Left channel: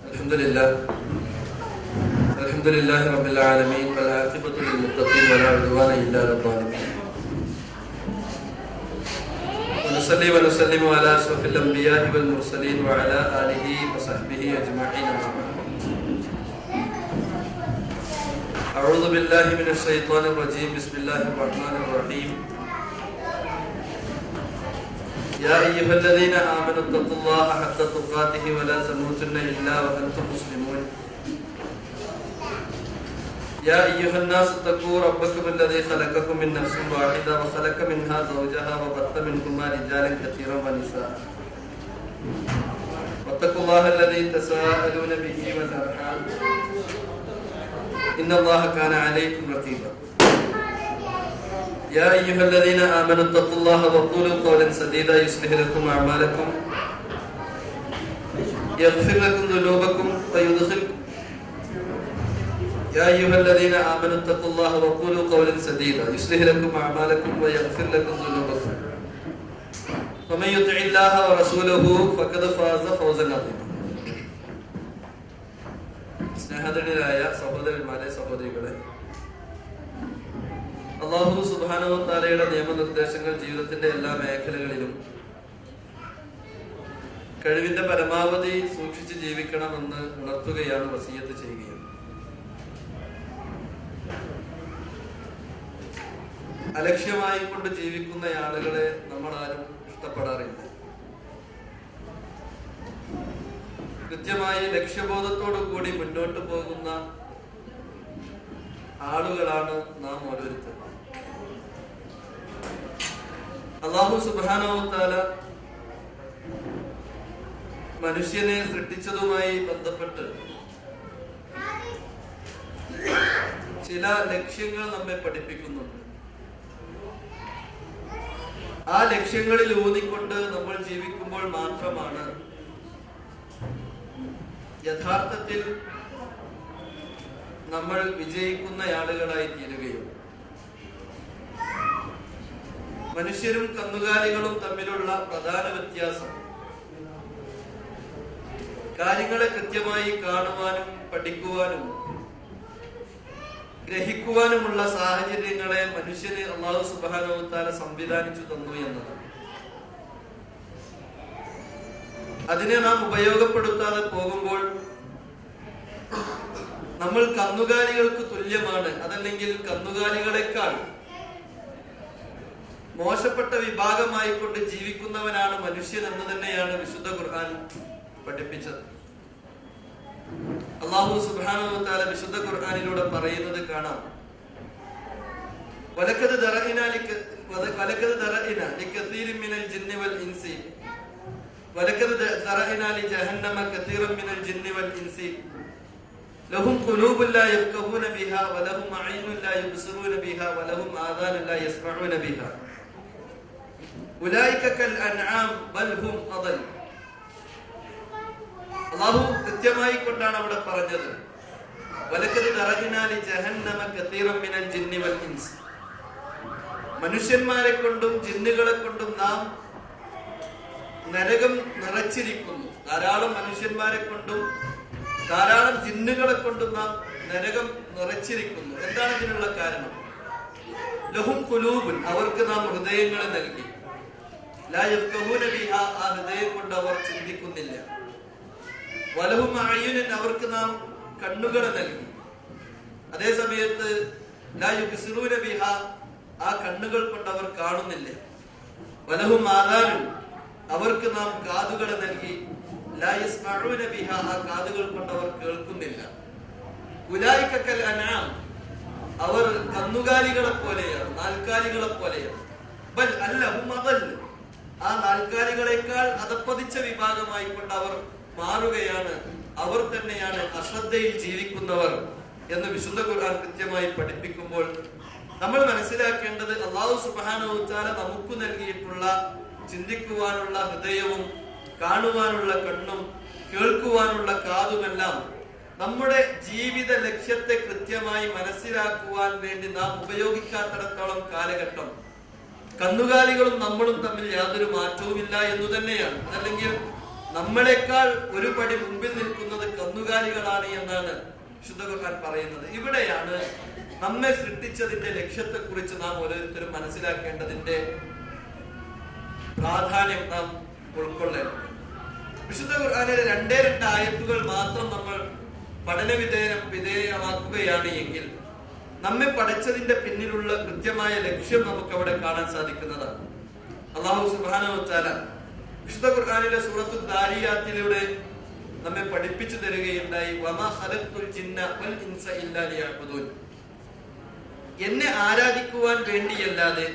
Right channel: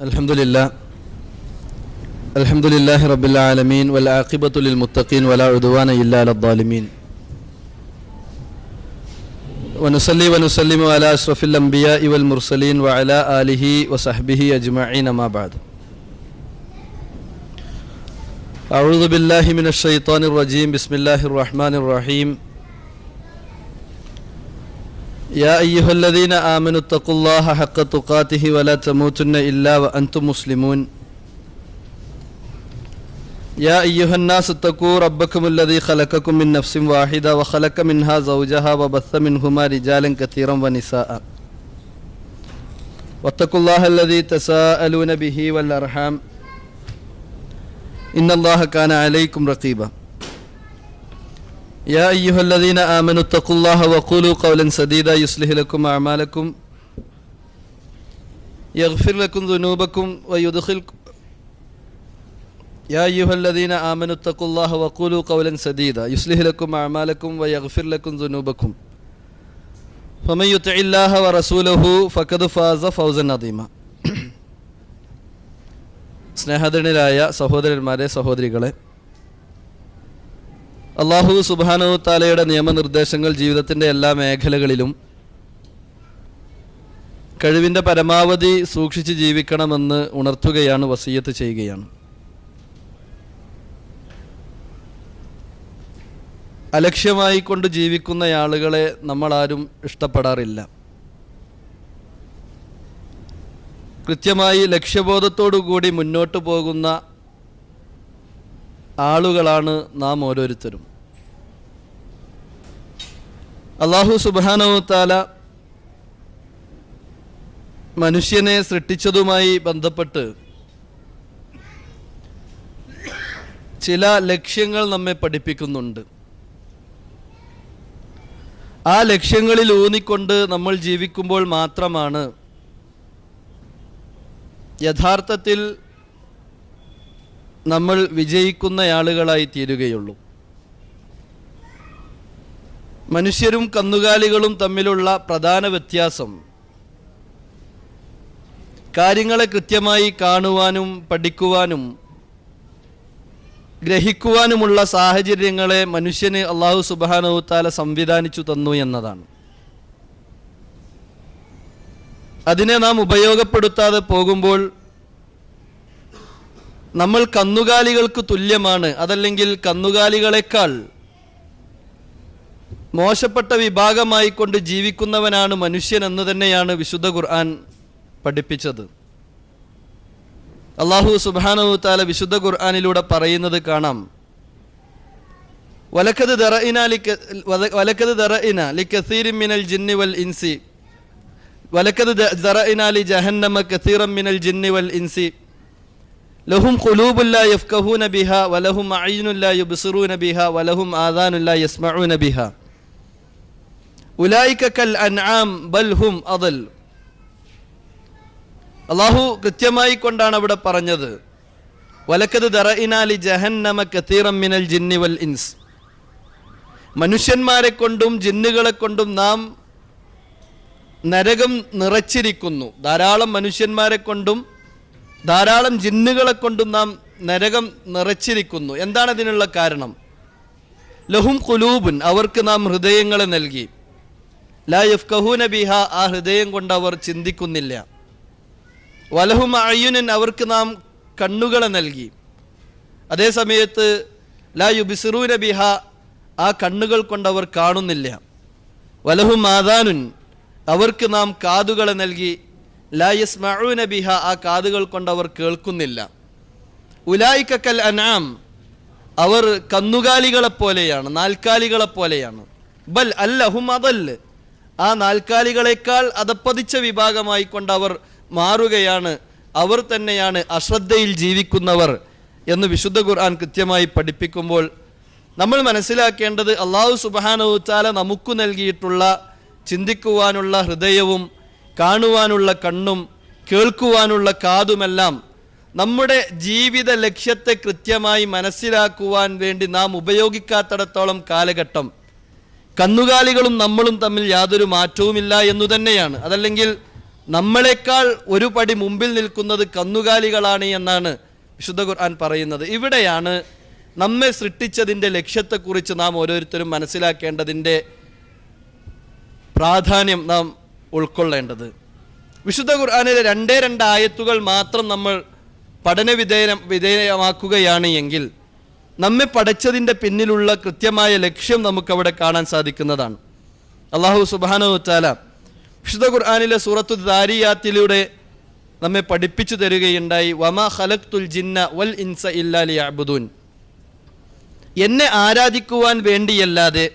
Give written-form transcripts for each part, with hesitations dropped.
Alhamdulillah Rabbil Alameen wal aqibatu lil muttaqin wa la udwana illa alal zalimin. Wa nusalli wa nusallimu ala asrafil anbiya'i wal mursalin wa ala alihi wa sahbihi ajma'in ma ba'd. A'udhu billahi minash shaitanir rajim. Bismillahir rahmanir rahim. يا أيها الذين آمنوا اتقوا الله حق تقاته ولا تموتن إلا وأنتم مسلمون يا أيها الناس اتقوا ربكم الذي خلقكم من نفس واحدة وخلق منها زوجها وبث منهما رجالا كثيرا ونساء واتقوا الله الذي تساءلون به والأرحام إن الله كان عليكم رقيبا يا أيها الذين آمنوا اتقوا الله وقولوا قولا سديدا يصلح لكم أعمالكم يغفر لكم ذنوبكم ويدخلكم يا أيها الذين آمنوا اتقوا الله وقولوا قولا سديدا يصلح لكم أعمالكم ويغفر لكم ذنوبكم فمن يطع الله ورسوله فقد فاز فوزا عظيما. സ്നേഹധന്യരായ സഹോദരന്മാരെ സഹോദരികളെ, അല്ലാഹു സുബ്ഹാനഹു തആലയുടെ നിയമനിർദ്ദേശങ്ങൾ ജീവിതത്തിൻ്റെ എല്ലാ മേഖലകളിലും കഴിവിൻ്റെ പരമാവധി സൂക്ഷിച്ച് ജീവിക്കണമെന്ന് ഉണർത്തുകയാണ്, വസിയ്യത്ത് ചെയ്യുകയാണ്. അലക്ഷ്യമായി കൊണ്ട് ജീവിക്കുന്ന ആളുകളെ നമ്മളാരും ഇഷ്ടപ്പെടാറില്ല. കൃത്യമായി ലക്ഷ്യബോധത്തോടുകൂടി മുന്നോട്ട് പോകുന്ന ആളുകളാണ് നാം ഓരോരുത്തരും. അല്ലാഹു സുബ്ഹാനഹു തആല മനുഷ്യനെ സൃഷ്ടിച്ചതുമായി ബന്ധപ്പെട്ട് ചില ലക്ഷ്യങ്ങൾ നമ്മെ പഠിപ്പിക്കുന്നുണ്ട്. ആ ലക്ഷ്യങ്ങളിൽ ഊന്നിക്കൊണ്ട് നമ്മൾ ജീവിക്കുമ്പോൾ മാത്രമാണ് യഥാർത്ഥത്തിൽ നമ്മൾ വിജയിക്കുന്ന ആളുകളായി തീരുകയുള്ളൂ. മനുഷ്യരും കന്നുകാലികളും തമ്മിലുള്ള പ്രധാന വ്യത്യാസം കാര്യങ്ങളെ കൃത്യമായി കാണുവാനും പഠിക്കുവാനും ഗ്രഹിക്കുവാനുമുള്ള സാഹചര്യങ്ങളെ മനുഷ്യന് അല്ലാഹു സുബ്ഹാനഹു തആല സംവിധാനിച്ചു തന്നു എന്നതാണ്. അതിനെ നാം ഉപയോഗപ്പെടുത്താതെ പോകുമ്പോൾ നമ്മൾ കന്നുകാലികൾക്ക് തുല്യമാണ്, അതല്ലെങ്കിൽ കന്നുകാലികളെക്കാൾ മോശപ്പെട്ട വിഭാഗമായി കൊണ്ട് ജീവിക്കുന്നവനാണ് മനുഷ്യൻ എന്ന് തന്നെയാണ് വിശുദ്ധ ഖുർആൻ പഠിപ്പിച്ചത്. അല്ലാഹു സുബ്ഹാനഹു തആല വിശുദ്ധ ഖുർആനിലൂടെ പറയുന്നത് കാണാം, വലഖദ് ദറഇനാ ലികസീരിൻ മിനൽ ജിന്നി വൽ ഇൻസി വലഖദ് ദറഇനാ ലിജഹന്നമ കസീറൻ മിനൽ ജിന്നി വൽ ഇൻസി ലഹും ഖുലൂബുൻ ലാ യഫ്ഖഹൂന ബിഹാ വലഹും അഅ്യുനുൻ ലാ യുബ്സിറൂന ബിഹാ വലഹും ആദാനുൻ ലാ യസ്മഊന ബിഹാ ഉലൈക കൽ അൻആം ബൽ ഹും അദൽ. അല്ലാഹു കൃത്യമായി കൊണ്ടാണ് അവിടെ പറഞ്ഞത്, വലഖദ് ദറഇനാ ലിജഹന്നമ കസീറൻ മിനൽ ജിന്നി വൽ ഇൻസ്. മനുഷ്യന്മാരെ കൊണ്ടും ജിന്നുകളെ കൊണ്ടും നാം നരകം നിറച്ചിരിക്കുന്നു. ധാരാളം മനുഷ്യന്മാരെ കൊണ്ടും ധാരാളം ജിന്നുകളെ കൊണ്ടും നാം നരകം നിറച്ചിരിക്കുന്നു. എന്താണ് അതിനുള്ള കാരണം? ലഹും ഖുലൂബുൻ, അവർക്ക് നാം ഹൃദയങ്ങളെ നൽകി. ലാ യഫ്ഖഹൂന ബിഹാ, ആ ഹൃദയം കൊണ്ട് അവർ ചിന്തിക്കുന്നില്ല. വലഹും അഅ്യുനുൻ, അവർക്ക് നാം കണ്ണുകളെ നൽകി. അതേ സമയത്ത് ലാ യുബ്സിറൂന ബിഹാ, ആ കണ്ണുകൾ കൊണ്ട് അവർ കാണുന്നില്ല. വലഹും ആദാനുൻ, അവർക്ക് നാം കാതുകളെ നൽകി. ലാ യസ്മഊന ബിഹാ, ആ കാതുകൾ കൊണ്ട് അവർ കേൾക്കുന്നില്ല. ഉലൈക കൽ അൻആം, അവർ കന്നുകാലികളെ പോലെയാണ്, നാൽക്കാലികളെ പോലെയാണ്. ബൽ അല്ല ഹും അദൽ, ആ നാൽക്കാലികളെക്കാൾ അധപ്പതിച്ച വിഭാഗമായി കൊണ്ട് അവർ മാറുകയാണ്. അവർ തന്നെയാണ് അശ്രദ്ധയിൽ ജീവിക്കുന്നവർ എന്ന് വിശുദ്ധ ഖുർആൻ കൃത്യമായി പഠിപ്പിക്കുമ്പോൾ നമ്മൾ മനസ്സിലാക്കേണ്ടത്, അല്ലാഹു സുബ്ഹാനഹു തആല നമുക്ക് നൽകിയിട്ടുള്ള ചിന്തിക്കുവാനുള്ള ഹൃദയവും കാണുവാനുള്ള കണ്ണും കേൾക്കുവാനുള്ള കാതുമെല്ലാം നമ്മുടെ ജീവിത ലക്ഷ്യത്തെ കൃത്യമായി മനസ്സിലാക്കുവാൻ വേണ്ടി നാം ഉപയോഗിക്കാത്തിടത്തോളം കാലഘട്ടം കന്നുകാലികളും നമ്മളും തമ്മിൽ യാതൊരു മാറ്റവുമില്ല എന്നു തന്നെയാണ്. അതല്ലെങ്കിൽ നമ്മളെക്കാൾ ഒരു പടി മുമ്പിൽ നിൽക്കുന്നത് കന്നുകാലികളാണ് എന്നാണ് വിശുദ്ധ ഖുർആൻ പറയുന്നത്. ഇവിടെയാണ് നമ്മെ സൃഷ്ടിച്ചതിൻ്റെ ലക്ഷ്യത്തെക്കുറിച്ച് നാം ഓരോരുത്തരും മനസ്സിലാക്കേണ്ടതിൻ്റെ പ്രാധാന്യം നാം ഉൾക്കൊള്ളേണ്ടത്. വിശുദ്ധ ഖുർആനിലെ 2 ആയത്തുകൾ മാത്രം നമ്മൾ വിധേയമാക്കുകയാണ് എങ്കിൽ നമ്മെ പഠിച്ചതിൻ്റെ പിന്നിലുള്ള കൃത്യമായ ലക്ഷ്യം നമുക്കവിടെ കാണാൻ സാധിക്കുന്നതാണ്. അല്ലാഹു സുബ്ഹാനഹു വ തആല വിശുദ്ധ ഖുർആനിലെ സൂറത്തു ദാരിയാത്തിലൂടെ നമ്മെ പഠിപ്പിച്ചു തരികയുണ്ടായി, വമാ ഖലഖ്തുൽ ജിന്ന വൽ ഇൻസ ഇല്ലാ ലിയഅ്ബുദൂൻ. എന്നെ ആരാധിക്കുവാൻ വേണ്ടിയല്ലാതെ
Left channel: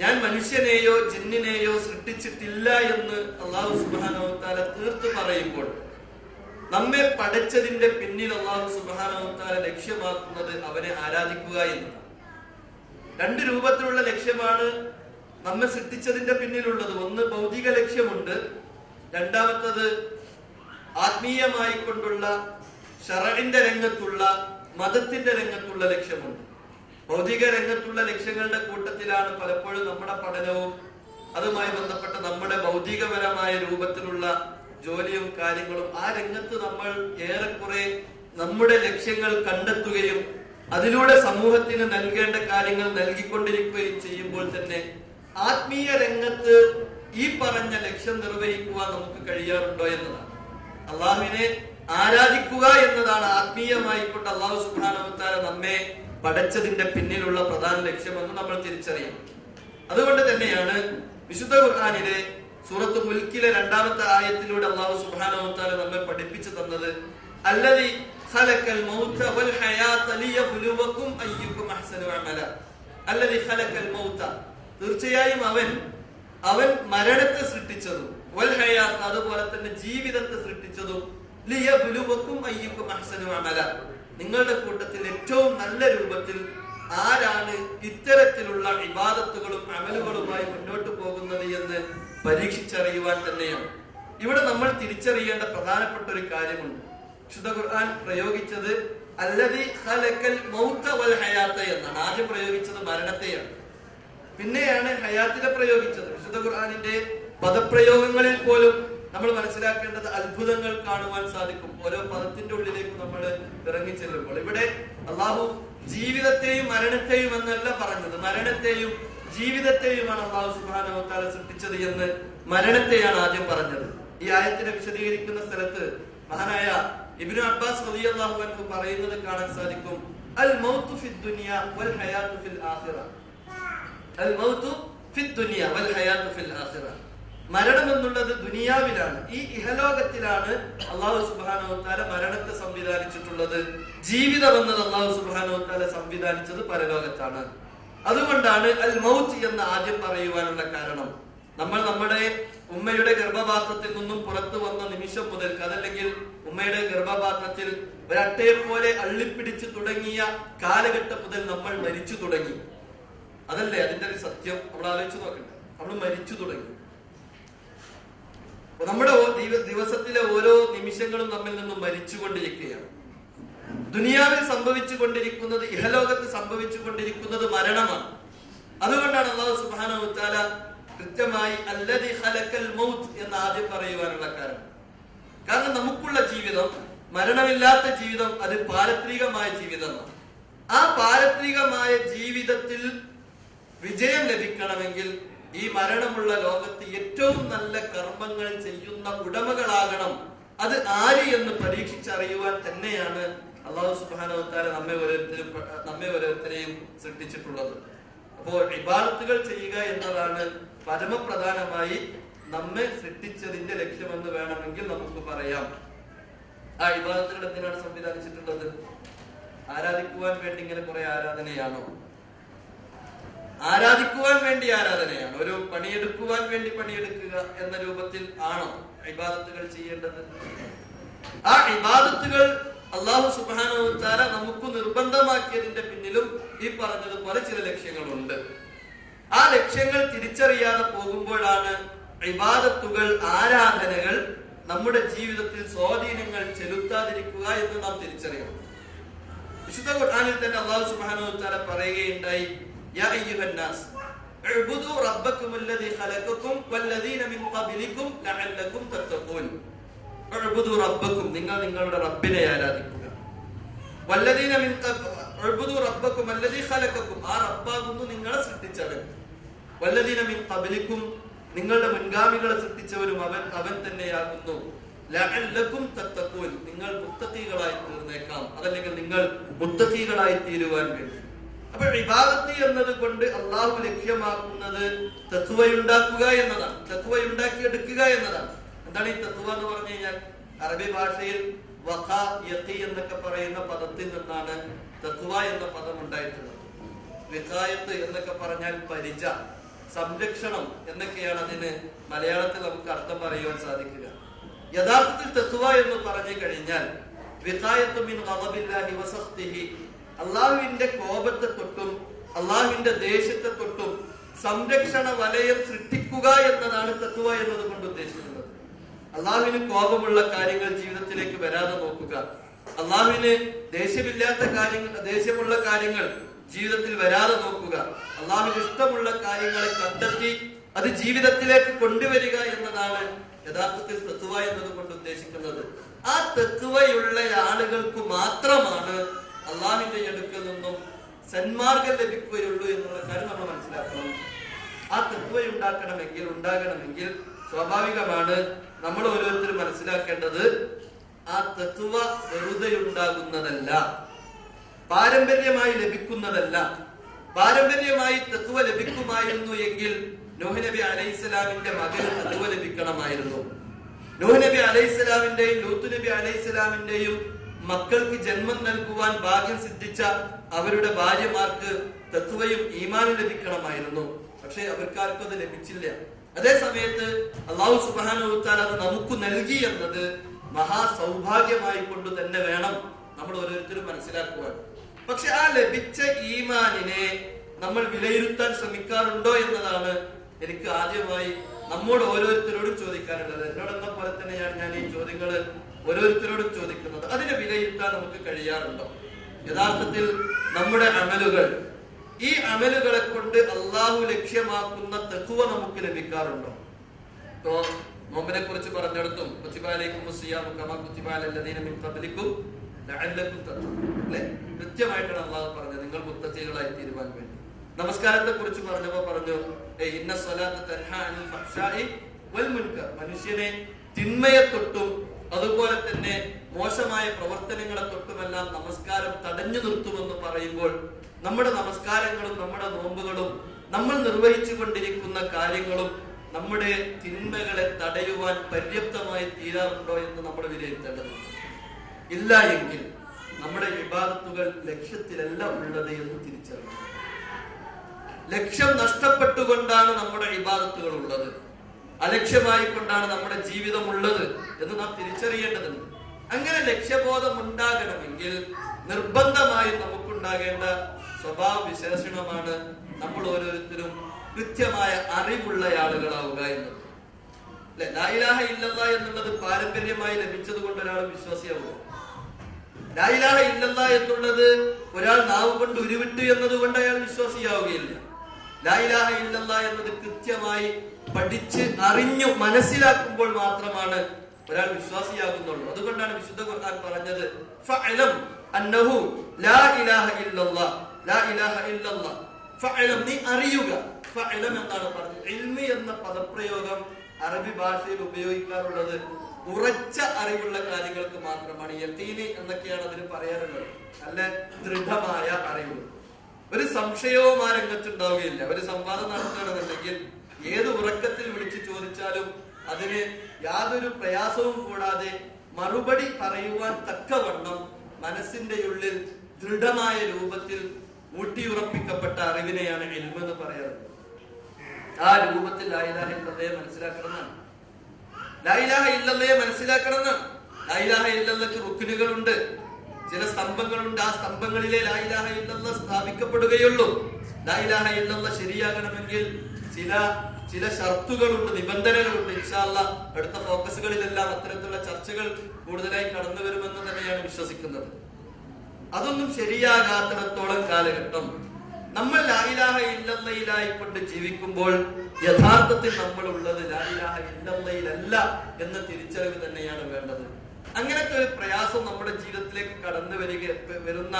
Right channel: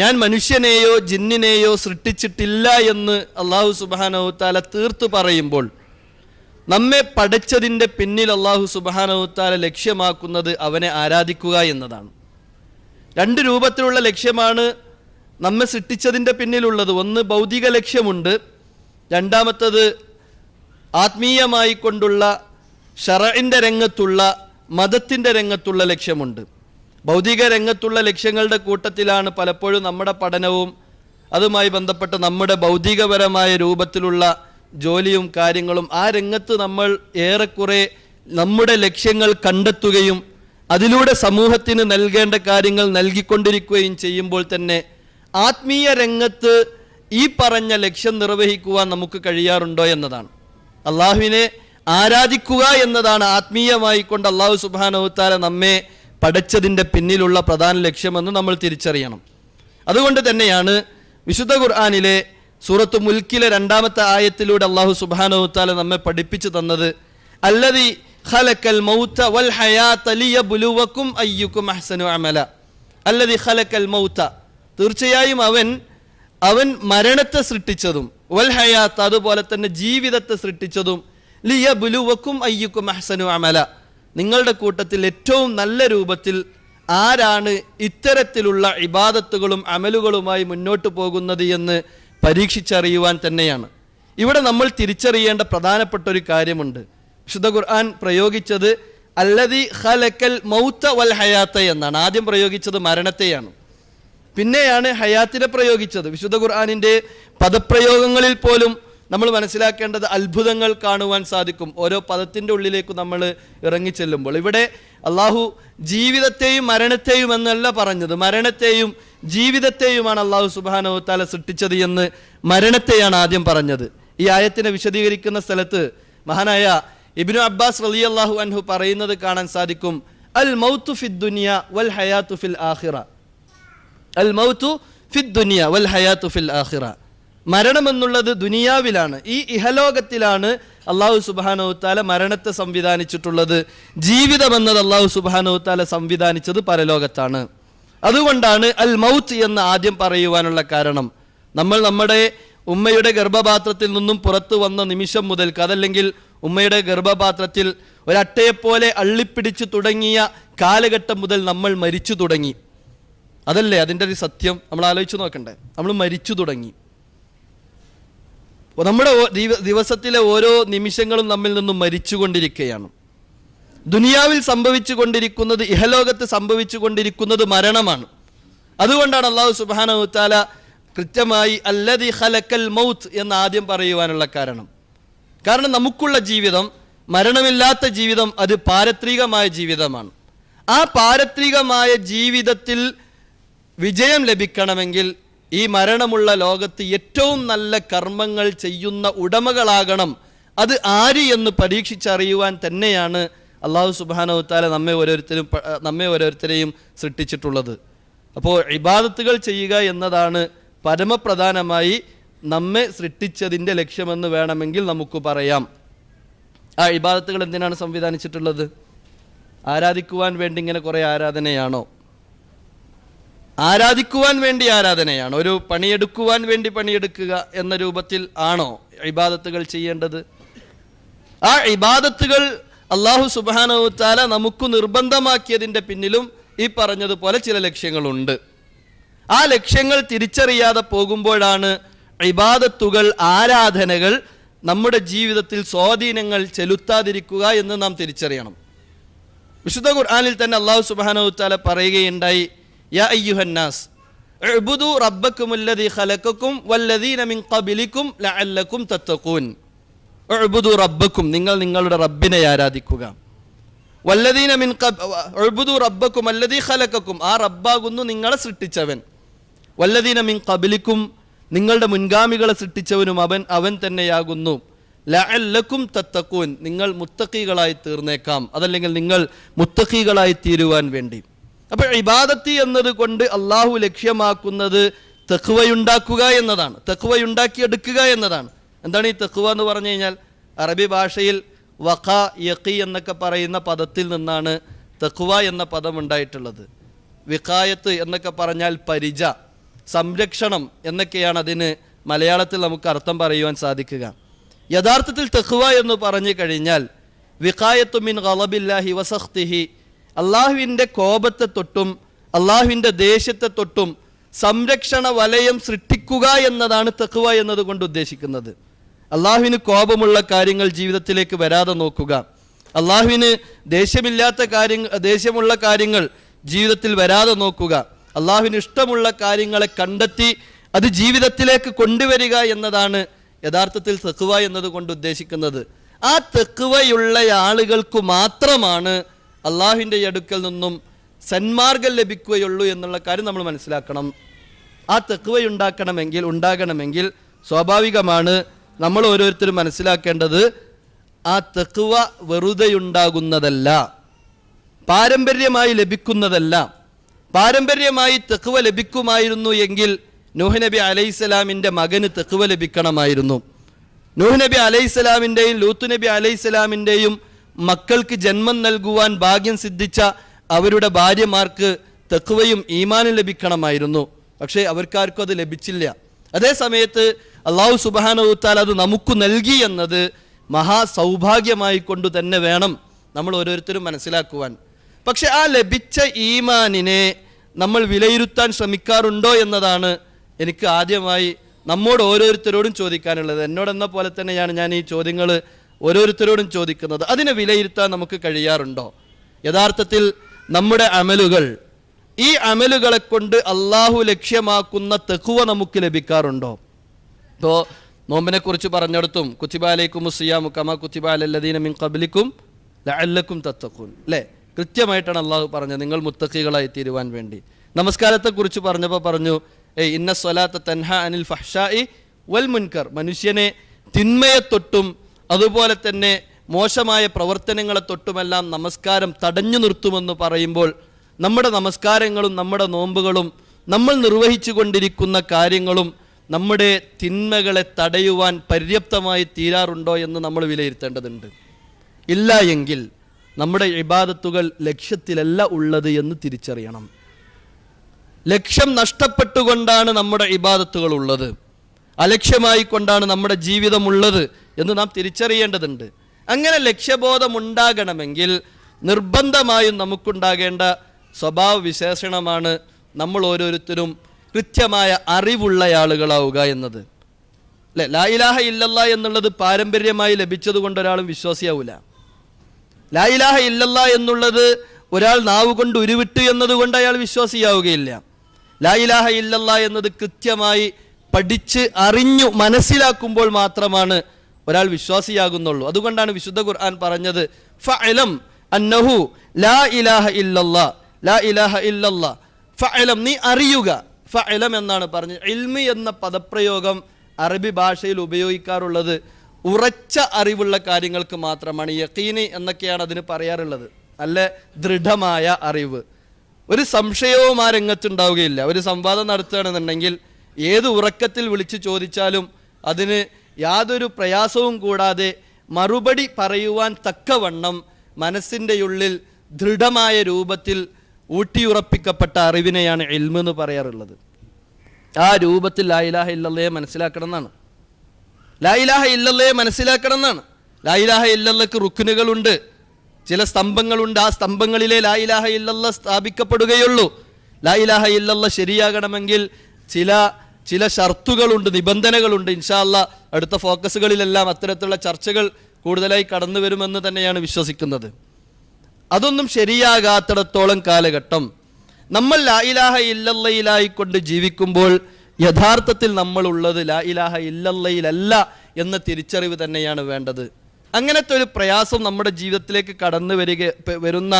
ഞാൻ മനുഷ്യനെയോ ജിന്നിനെയോ സൃഷ്ടിച്ചിട്ടില്ല എന്ന് അല്ലാഹു സുബ്ഹാനഹു വ തആല തീർത്തു പറയുമ്പോൾ നമ്മെ പഠിച്ചതിൻ്റെ പിന്നിൽ അല്ലാഹു സുബ്ഹാനഹു വ തആല ലക്ഷ്യമാക്കുന്നത് അവനെ ആരാധിക്കുക എന്നതാണ്. 2 രൂപത്തിലുള്ള ലക്ഷ്യമാണ് നമ്മെ സൃഷ്ടിച്ചതിൻ്റെ പിന്നിലുള്ളത്. ഒന്ന് ഭൗതിക ലക്ഷ്യമുണ്ട്, രണ്ടാമത്തത് ആത്മീയമായി കൊണ്ടുള്ള ശറഇന്റെ രംഗത്തുള്ള മതത്തിൻ്റെ രംഗത്തുള്ള ലക്ഷ്യമുണ്ട്. ഭൗതിക രംഗത്തുള്ള ലക്ഷ്യങ്ങളുടെ കൂട്ടത്തിലാണ് പലപ്പോഴും നമ്മുടെ പഠനവും അതുമായി ബന്ധപ്പെട്ട് നമ്മുടെ ഭൗതികപരമായ രൂപത്തിലുള്ള ജോലിയും കാര്യങ്ങളും. ആ രംഗത്ത് നമ്മൾ ഏറെക്കുറെ നമ്മുടെ ലക്ഷ്യങ്ങൾ കണ്ടെത്തുകയും അതിലൂടെ സമൂഹത്തിന് നൽകേണ്ട കാര്യങ്ങൾ നൽകിക്കൊണ്ടിരിക്കുകയും ചെയ്യുമ്പോൾ തന്നെ ആത്മീയ രംഗത്ത് ഈ പറഞ്ഞ ലക്ഷ്യം നിർവഹിക്കുവാൻ നമുക്ക് കഴിയാറുണ്ടോ എന്നതാണ്. അള്ളാഹുവിനെ ആരാധിക്കുക എന്നതാണ് ആത്മീയമായി കൊണ്ട് അള്ളാഹു സുബ്ഹാനഹു വ തആല നമ്മെ പഠിച്ചതിൻ്റെ പിന്നിലുള്ള പ്രധാന ലക്ഷ്യമെന്ന് നമ്മൾ തിരിച്ചറിയണം. അതുകൊണ്ട് തന്നെയാണ് വിശുദ്ധ ഖുർആനിലെ സൂറത്ത് മുൽക്കിലെ 2 ആയത്തിലൂടെ അള്ളാഹു സുബ്ഹാനഹു വ തആല നമ്മെ പഠിപ്പിച്ചു തന്നത്, അല്ലദീ ഖലഖൽ മൗത വൽ ഹയാത ലിയബ്ലുവകും അയ്യുകും അഹ്സനു അമല. അല്ലദീ ഖലഖൽ മൗത, തീർച്ചയായും അവൻ മരണത്തെ സൃഷ്ടിച്ചതും വൽ ഹയാത്ത്, അതുപോലെ തന്നെ ജീവിതത്തെ സൃഷ്ടിച്ചതും ലിയബ്ലുവകും അയ്യുകും അഹ്സനു അമല, നിങ്ങളുടെ കൂട്ടത്തിൽ ഏറ്റവും നല്ല രൂപത്തിൽ ആരാണ് ഇത്തരത്തിലുള്ള ഇബാദത്തുകളും അമലുകളുമായി മുന്നോട്ട് പോകുന്നത് എന്ന് പരീക്ഷിച്ചറിയുവാൻ തന്നെയാണ്. ഇവിടെ നമ്മൾ തിരിച്ചറിയേണ്ട പ്രധാനപ്പെട്ട ഒരു കാര്യമുണ്ട്. വിശുദ്ധ ഖുർആൻ പ്രയോഗിച്ചത് അല്ലദീ ഖലഖൽ മൗത വൽ ഹയാത്ത എന്നാണ്. ആദ്യം പ്രയോഗിച്ചത് മരണത്തെയാണ്, പിന്നെയാണ് ഹയാത്തിനെ പ്രയോഗിച്ചത്. വിശുദ്ധ ഖുർആനിന്റെ പദപ്രയോഗങ്ങളിൽ പോലും നമ്മൾ മനസ്സിലാക്കേണ്ടത് അത്ഭുതങ്ങൾ കാണുവാൻ സാധിക്കും ഓരോ പദത്തിന്റെ ഉള്ളിലേക്ക് നമ്മൾ ഇറങ്ങിച്ചെല്ലുമ്പോൾ. ഇവിടെ അള്ളാഹു ജീവിതത്തെയും മരണത്തെയും എന്നല്ല പറഞ്ഞത്, മരണത്തെയും ജീവിതത്തെയുമാണ് അള്ളാഹു സുബ്ഹാനഹു വ തആല സൃഷ്ടിച്ചത് എന്ന് മരണത്തെയാണ് ആദ്യം പറഞ്ഞത്. ഈ ആയത്തിനെ വിശദീകരിക്കുന്ന സ്ഥലത്ത് മഹാനായ ഇബ്നു അബ്ബാസ് റളിയല്ലാഹു അൻഹു പറയുന്നത് കാണാൻ സാധിക്കും, അൽ മൗതു ഫിദ് ദുനിയ വൽ ഹയാതു ഫിൽ ആഖിറ. അൽ മൗതു ഫിദ് ദുനിയ വൽ ഹയാതു ഫിൽ ആഖിറ. മരണം എന്നുള്ളത് ദുനിയാവിലാണ്, ഈ ഇഹലോകത്തിലാണ് അള്ളാഹു സുബ്ഹാനഹു വ തആല മരണത്തെ സംവിധാനിച്ചിട്ടുള്ളത്. ജീവിതം എന്നത് അള്ളാഹു സുബ്ഹാനഹു വ തആല സംവിധാനിച്ചത് പരലോകത്താണ്. അതുകൊണ്ടാണ് അൽ മൗത്ത് എന്ന് ആദ്യം പറയുവാനുള്ള കാരണം, നമ്മൾ നമ്മുടെ ഉമ്മയുടെ ഗർഭപാത്രത്തിൽ നിന്നും പുറത്തു വന്ന നിമിഷം മുതൽ, അതല്ലെങ്കിൽ ഉമ്മയുടെ ഗർഭപാത്രത്തിൽ ഒരട്ടയെപ്പോലെ അള്ളിപ്പിടിച്ചു തുടങ്ങിയ കാലഘട്ടം മുതൽ നമ്മൾ മരിച്ചു തുടങ്ങി. അതല്ലേ അതിൻ്റെ ഒരു സത്യം? നമ്മൾ ആലോചിച്ച് നോക്കണ്ടേ? നമ്മൾ മരിച്ചു തുടങ്ങി. നമ്മുടെ ദിവസത്തിലെ ഓരോ നിമിഷങ്ങളും നമ്മിൽ നിന്നും മരിച്ചുകൊണ്ടിരിക്കുകയാണ്. ദുനിയാവിൽ സംഭവിച്ചു കൊണ്ടിരിക്കുന്നത്, ഇഹലോകത്ത് സംഭവിച്ചു കൊണ്ടിരിക്കുന്നത് മരണമാണ്. അതുകൊണ്ടാണ് അല്ലാഹു സുബ്ഹാനഹു വ തആല കൃത്യമായി അല്ലദീ ഖലഖൽ മൗത്ത് എന്ന് ആദ്യം പറയുവാനുള്ള കാരണം നമുക്കുള്ള ജീവിതം, മരണമില്ലാത്ത ജീവിതം, അത് പാരത്രികമായ ജീവിതമാണ്. ആ പാരത്രികമായ ജീവിതത്തിൽ വിജയം ലഭിക്കണമെങ്കിൽ ഈ മരണമുള്ള ലോകത്ത് ഏറ്റവും നല്ല കർമ്മങ്ങൾ ചെയ്യുന്ന ഉടമകളാകണം. അത് ആര് എന്ന് പരീക്ഷിച്ചറിയുവാൻ തന്നെയാണ് അല്ലാഹു സുബ്ഹാനഹു വ തആല നമ്മെ ഓരോരുത്തരെയും സൃഷ്ടിച്ചിട്ടുള്ളത്. അപ്പോൾ ഇബാദത്തുകൾ ചെയ്യുക എന്നതാണ് പരമപ്രധാനമായി നമ്മെ സൃഷ്ടിച്ചതിൻ്റെ ലക്ഷ്യമെന്ന് വേണമെങ്കിൽ നമുക്ക് പറയാം. ആ ഇബാദത്തുകൾ എന്തിനാണ് സംവിധാനിച്ചിട്ടുള്ളത്? ആരാധിക്കുവാൻ വേണ്ടി ഇങ്ങനെ കുറെ ആരാധനയാണോ? ആരാധിക്കുവാൻ വേണ്ടി ആരാധനയാണോ? ഒരു പണിയെടുക്കുവാൻ വേണ്ടി പണിയെടുക്കുക എന്ന രൂപത്തിൽ ആണോ ഇബാദത്തുകൾ ചെയ്യേണ്ടത്? ആ ഇബാദത്തുകൾ അല്ലാഹു സുബ്ഹാനഹു വ തആല നമുക്ക് നിർബന്ധമാക്കിയതിൻ്റെ പിന്നിലും ഈ പറഞ്ഞതുപോലെ ചില ലക്ഷ്യങ്ങളുണ്ട്. ആ ലക്ഷ്യങ്ങൾ തിരിച്ചറിയാതെ പോകുമ്പോഴാണ് ഇബാദത്തുകൾ, ആരാധനകൾ നമ്മുടെ ജീവിതത്തിൽ സ്വാധീനങ്ങൾ ചെലുത്താതിരിക്കുക എന്ന് നാം തിരിച്ചറിയണം. വിശുദ്ധ ഖുർആനിൽ തന്നെ അല്ലാഹു സുബ്ഹാനഹു വ തആല പറയുകയുണ്ടായി, യാ അയ്യുഹന്നാസ്, ഉഅ്ബുദു റബ്ബക്കുമുല്ലദീ ഖലഖക്കും വല്ലദീന മിൻ ഖബ്ലിക്കും ലഅല്ലക്കും തത്തഖൂൻ. ഉഅ്ബുദു റബ്ബക്കും, നിങ്ങൾ നിങ്ങളുടെ റബ്ബിനെ ആരാധിക്കുക. വല്ലദീന മിൻ ഉഅ്ബുദു റബ്ബക്കും അല്ലദീ ഖലഖക്കും, ആ റബ്ബാകുന്നു നിങ്ങളെ സൃഷ്ടിച്ചവൻ. വല്ലദീന മിൻ ഖബ്ലിക്കും, നിങ്ങളുടെ മുൻഗാമികളെ സൃഷ്ടിച്ചവനും അവൻ തന്നെയാകുന്നു. ലഅല്ലക്കും തത്തഖൂൻ, നിങ്ങൾ മുത്തഖീകളായി തീർന്നേക്കാം, അതല്ലെങ്കിൽ നിങ്ങൾ മുത്തഖീകളായി തീരുവാൻ വേണ്ടി. അപ്പോൾ ഇബാദത്ത് എന്നത് കൊണ്ട് അള്ളാഹു ലക്ഷ്യമാക്കുന്നത് തഖ്വയുണ്ടാക്കുക എന്നതാണ്, തഖ്വയുണ്ടാക്കിയെടുക്കുക എന്നതാണ്. എന്താണ് ഈ തഖ്വ എന്ന് പറഞ്ഞു കഴിഞ്ഞാൽ? അറബി ഭാഷയിൽ വഖ യഖി എന്നൊക്കെ പറയുന്ന പദത്തിൽ നിന്നാണ് തഖ്വ എന്ന പദം ഉണ്ടായിട്ടുള്ളത്. വിഖായത്ത് എന്നൊക്കെ പറഞ്ഞാൽ പരിച, സംരക്ഷണം എന്നൊക്കെയാണ് അതിന് മലയാളത്തിൽ നമുക്ക് അർത്ഥം പറയുവാൻ സാധിക്കുക. യഥാർത്ഥത്തിൽ തഖ്വ എന്ന് പറഞ്ഞു കഴിഞ്ഞാൽ വിഖായത്തു മിൻ ഗളബില്ലാഹി വസഖ്തിഹി, അള്ളാഹുവിൻ്റെ കോപത്തെ തൊട്ടും അള്ളാഹുവിൻ്റെ ദേഷ്യത്തെ തൊട്ടും സംരക്ഷണ വലയം സൃഷ്ടിക്കുക എന്നതാണ് തഖ്വ എന്നതുകൊണ്ട് ഉദ്ദേശിക്കുന്നത്. അള്ളാഹുവിന് കോപമുള്ള കാര്യങ്ങൾ ജീവിതത്തിലേക്ക് വരാതെ നോക്കുക, അള്ളാഹുവിന് ദേഷ്യമുള്ള കാര്യങ്ങൾ ജീവിതത്തിൽ വരാതെ നോക്കുക, അള്ളാഹുവിന് ഇഷ്ടമുള്ള കാര്യങ്ങളെ കണ്ടെത്തി അത് ജീവിതത്തിലേക്ക് കൊണ്ടുവരിക എന്നതാണ് യഥാർത്ഥത്തിൽ തഖ്വ എന്നതുകൊണ്ട് ഉദ്ദേശിക്കുന്നത്. ആ തഖ്വയുള്ള ആളുകൾക്ക് മാത്രമാണ് അള്ളാഹുവിൻ്റെ അടുക്കൽ നിന്നും സന്മാർഗം ലഭിക്കുകയുള്ളൂ എന്നുള്ള കാര്യം നമ്മൾ മനസ്സിലാക്കണം. ആ തഖ്വ ഉണ്ടാകണമെങ്കിൽ സ്വാഭാവികമാണ് നമ്മൾ ഓരോരുത്തരും മനസ്സിലാക്കേണ്ടത് ആ തഖ്വ വെറുതെയുണ്ടാകുന്നതല്ല, പാരമ്പര്യമായി ലഭിക്കുന്നതല്ല. പാരമ്പര്യമായി തഖ്വ ലഭിക്കുമായിരുന്നു എങ്കിൽ നൂഹ് നബി അലൈഹിസ്സലാമിൻ്റെ മകന് തഖ്വ ലഭിക്കണമായിരുന്നു. നൂഹ് നബി അലൈഹിസ്സലാമിൻ്റെയും ലൂത്ത് നബി അലൈഹിസ്സലാമിൻ്റെയും മക്കൾക്ക് ജന്മം നൽകുവാൻ ഭാഗ്യം സിദ്ധിച്ച അവരുടെ ഭാര്യമാർക്ക് തഖ്വയും ഈമാനും ലഭിക്കണമായിരുന്നു. പക്ഷേ അവർക്കാർക്കും അത് ലഭിച്ചില്ല. അതേ സമയത്ത് അല്ലാഹു സുബ്ഹാനഹു വ തആല അത് നമുക്ക് നൽകി എന്നത് മഹാ സൗഭാഗ്യമായി കൊണ്ട് തന്നെ വേണം നമ്മൾ ഓരോരുത്തരും മനസ്സിലാക്കുവാൻ. പക്ഷെ ആ ലഭിച്ച ഈമാനിനെ നമ്മൾ വിലയിരുത്താൻ ശ്രമിക്കാറുണ്ടോ എന്നതാണ് എനിക്ക് ആദ്യമായി നമ്മോട് ഓരോരുത്തരോടും ചോദിക്കാനുള്ളത്. എന്നോടെന്ന പോലെ തന്നെയാണ് ഞാൻ ഈ ചോദ്യങ്ങൾ ഓരോരുത്തരോടും ചോദിക്കുന്നത്. അതിനെ വിലയിരുത്താൻ നമുക്ക് കഴിയാറുണ്ടോ? യഥാർത്ഥത്തിൽ നമ്മുടെ അമലുകൾ, ഈ അമലുകളെ കൊണ്ട് അള്ളാഹു ലക്ഷ്യമാക്കുന്ന തഖ്വ നമുക്ക് ലഭിക്കാറുണ്ടോ? ഇപ്പോൾ നോമ്പിനെ കുറിച്ച് പറഞ്ഞെടുത്തും കുത്തിബ അലൈക്കുമുസ് സിയാമു കമാ കുത്തിബ അലല്ലദീന മിൻ ഖബ്ലിക്കും ലഅല്ലക്കും തത്തഖൂൻ, അല്ലേ? കൃത്യമായിട്ടാണ് അള്ളാഹു പറഞ്ഞത് നിങ്ങൾ മുത്തഖികളായി തീരുവാൻ വേണ്ടി. നമസ്കാരത്തെ കുറിച്ച് പറഞ്ഞപ്പോൾ പറഞ്ഞു ഇന്ന സ്വലാത്ത തൻഹ അനിൽ ഫഹ്ശാഇ വൽ മുൻകർ, മനുഷ്യനെ തിന്മയെ തൊട്ടും അതുപോലെ തന്നെ മോശമായ പ്രവർത്തനങ്ങളെ തൊട്ടുമെല്ലാം നമസ്കാരം തടഞ്ഞു നിർത്തുമെന്ന് പറയുമ്പോൾ നമ്മുടെ നമസ്കാരങ്ങളും നമ്മുടെ നോമ്പുകളും നമ്മൾ നിർവഹിച്ചു കൊണ്ടിരിക്കുന്ന കാര്യങ്ങളും നമ്മുടെ തിന്മകളെ തടയുവാൻ പര്യാപ്തമായി തീരാറുണ്ടോ എന്ന് നമ്മൾ വിലയിരുത്തേണ്ടതുണ്ട്. ഇല്ല എങ്കിൽ നമ്മുടെ ഇബാദത്തുകൾ ലക്ഷ്യത്തിലല്ല ഉള്ളത് എന്ന് തിരിച്ചറിയണം. ലക്ഷ്യം നഷ്ടപ്പെട്ടുകൊണ്ടാണ് നമ്മുടെ ഇബാദത്തുകൾ ഉള്ളത്, അലക്ഷ്യമായി കൊണ്ടാണ് നമ്മുടെ ജീവിതം ഉള്ളത് എന്ന് നാം തിരിച്ചറിയേണ്ടതുണ്ട്. അങ്ങനെ ലക്ഷ്യബോധം ഉണ്ടാകണമെങ്കിൽ നിർബന്ധമായും നമുക്കുണ്ടാകേണ്ട സ്വഭാവ വിശേഷണമാണ് നമ്മൾ ഓരോരുത്തരും കൃത്യമായ അറിവുള്ള ആളുകളാവുക എന്നത്. അല്ലെ, ലാ ഇലാഹ ഇല്ലല്ലാ എന്നുള്ളത് പാരമ്പര്യമായി ലഭിച്ചത് കൊണ്ട് ഒരാളും വിശ്വാസിയാവില്ല. ലാ ഇലാഹ ഇല്ലല്ലാ എന്നുള്ളത് ഒരാൾ നാവ് കൊണ്ട് ഉരുവിട്ടു എന്നതുകൊണ്ട് അയാൾ വിശ്വാസിയാവുകയില്ല. ലാ ഇലാഹ ഇല്ലല്ലാ എന്നത് കൃത്യമായി പഠിച്ച് അറിഞ്ഞു മനസ്സിലാക്കുമ്പോൾ മാത്രമാണ് ഒരാൾ വിശ്വാസിയാകുന്നുള്ളൂ. അതുകൊണ്ടാണ് വിശുദ്ധ ഖുർആൻ പറഞ്ഞത് ഫഅലം അന്നഹു ലാ ഇലാഹ ഇല്ലല്ലാ, ലാ ഇലാഹ ഇല്ലല്ലാ ഫഅലം, നീ അറിയുക. ഫഅലം എന്നാണ് പറഞ്ഞത്. ഇൽമി എന്ന പദപ്രയോഗം അറബി ഭാഷയിൽ ഉപയോഗിക്കാറുള്ളത് ഉറച്ച അറിവുള്ള കാര്യങ്ങൾക്ക് മാത്രമാണ്. യഖീനി എന്നൊക്കെയാണ് അതിന് പറയാറുള്ളത്. നല്ല ദൃഢമായ അറിവ്. ഒരു സംശയവും ആ രംഗത്തുണ്ടാവുകയില്ല. ഒരു സംവാദം നടത്തുകയാണെന്നുണ്ടെങ്കിൽ ഏത് ഉറക്കത്തിൽ വിളിച്ച് ചോദിച്ചാലും അതിന് യാതൊരു പ്രയാസവും കൂടാതെ മറുപടി പറയുവാൻ തക്കവണ്ണം മനസ്സിൻ്റെ ഉള്ളിൽ ദൃഢമായ രൂപത്തിൽ ഊട്ടിയുറപ്പിക്കപ്പെട്ട അറിവിനെയാണ് ഇൽമ് എന്ന് പറയാറുള്ളത്. ആ രൂപത്തിൽ ലാ ഇലാഹ ഇല്ലല്ലയെ മനസ്സിലാക്കണം എന്നാണ്. ലാ ഇലാഹ ഇല്ലല്ലയെ മനസ്സിലാക്കണം എന്നാണ്. ലാ ഇലാഹ ഇല്ലല്ലക്ക് റുക്നുകളുണ്ട്, ചില സ്തംഭങ്ങളുണ്ട്. ആ സ്തംഭങ്ങളിലെ ലാ ഇലാഹ ഇല്ലല്ല സ്ഥാപിക്കപ്പെടുകയുള്ളൂ. ലാ ഇലാഹ ഇല്ലല്ല ശരിയാകണമെങ്കിൽ ചില ഷർത്തുകളുണ്ട്, നിബന്ധനകളുണ്ട്. ഇൻഷാ അല്ലാഹ് അടുത്ത ഫോക്കസുകളിലെല്ലാം അത്തരത്തിലുള്ള ചർച്ചകൾ കൂടുതലായി കടന്നു വരുമെന്ന് തന്നെയാണ് വിശ്വസിക്കുന്നത്. അതൊന്നും ശരിയാകാത്തിടത്തോളം കാലഘട്ടം നമ്മൾ ലാ ഇലാഹ ഇല്ലല്ലയിലായിക്കൊണ്ട് ജീവിക്കുമ്പോൾ യഥാർത്ഥത്തിൽ നമ്മൾ ഉള്ളത് ലാ ഇലാഹ ഇല്ലല്ലയിലല്ല എന്ന തിരിച്ചറിവ് തന്നെയാണ് വേണ്ടത്. അങ്ങനത്തെ ഒരു പ്രയാസം നമ്മുടെ ജീവിതത്തിലേക്ക് കടന്നു വരുന്ന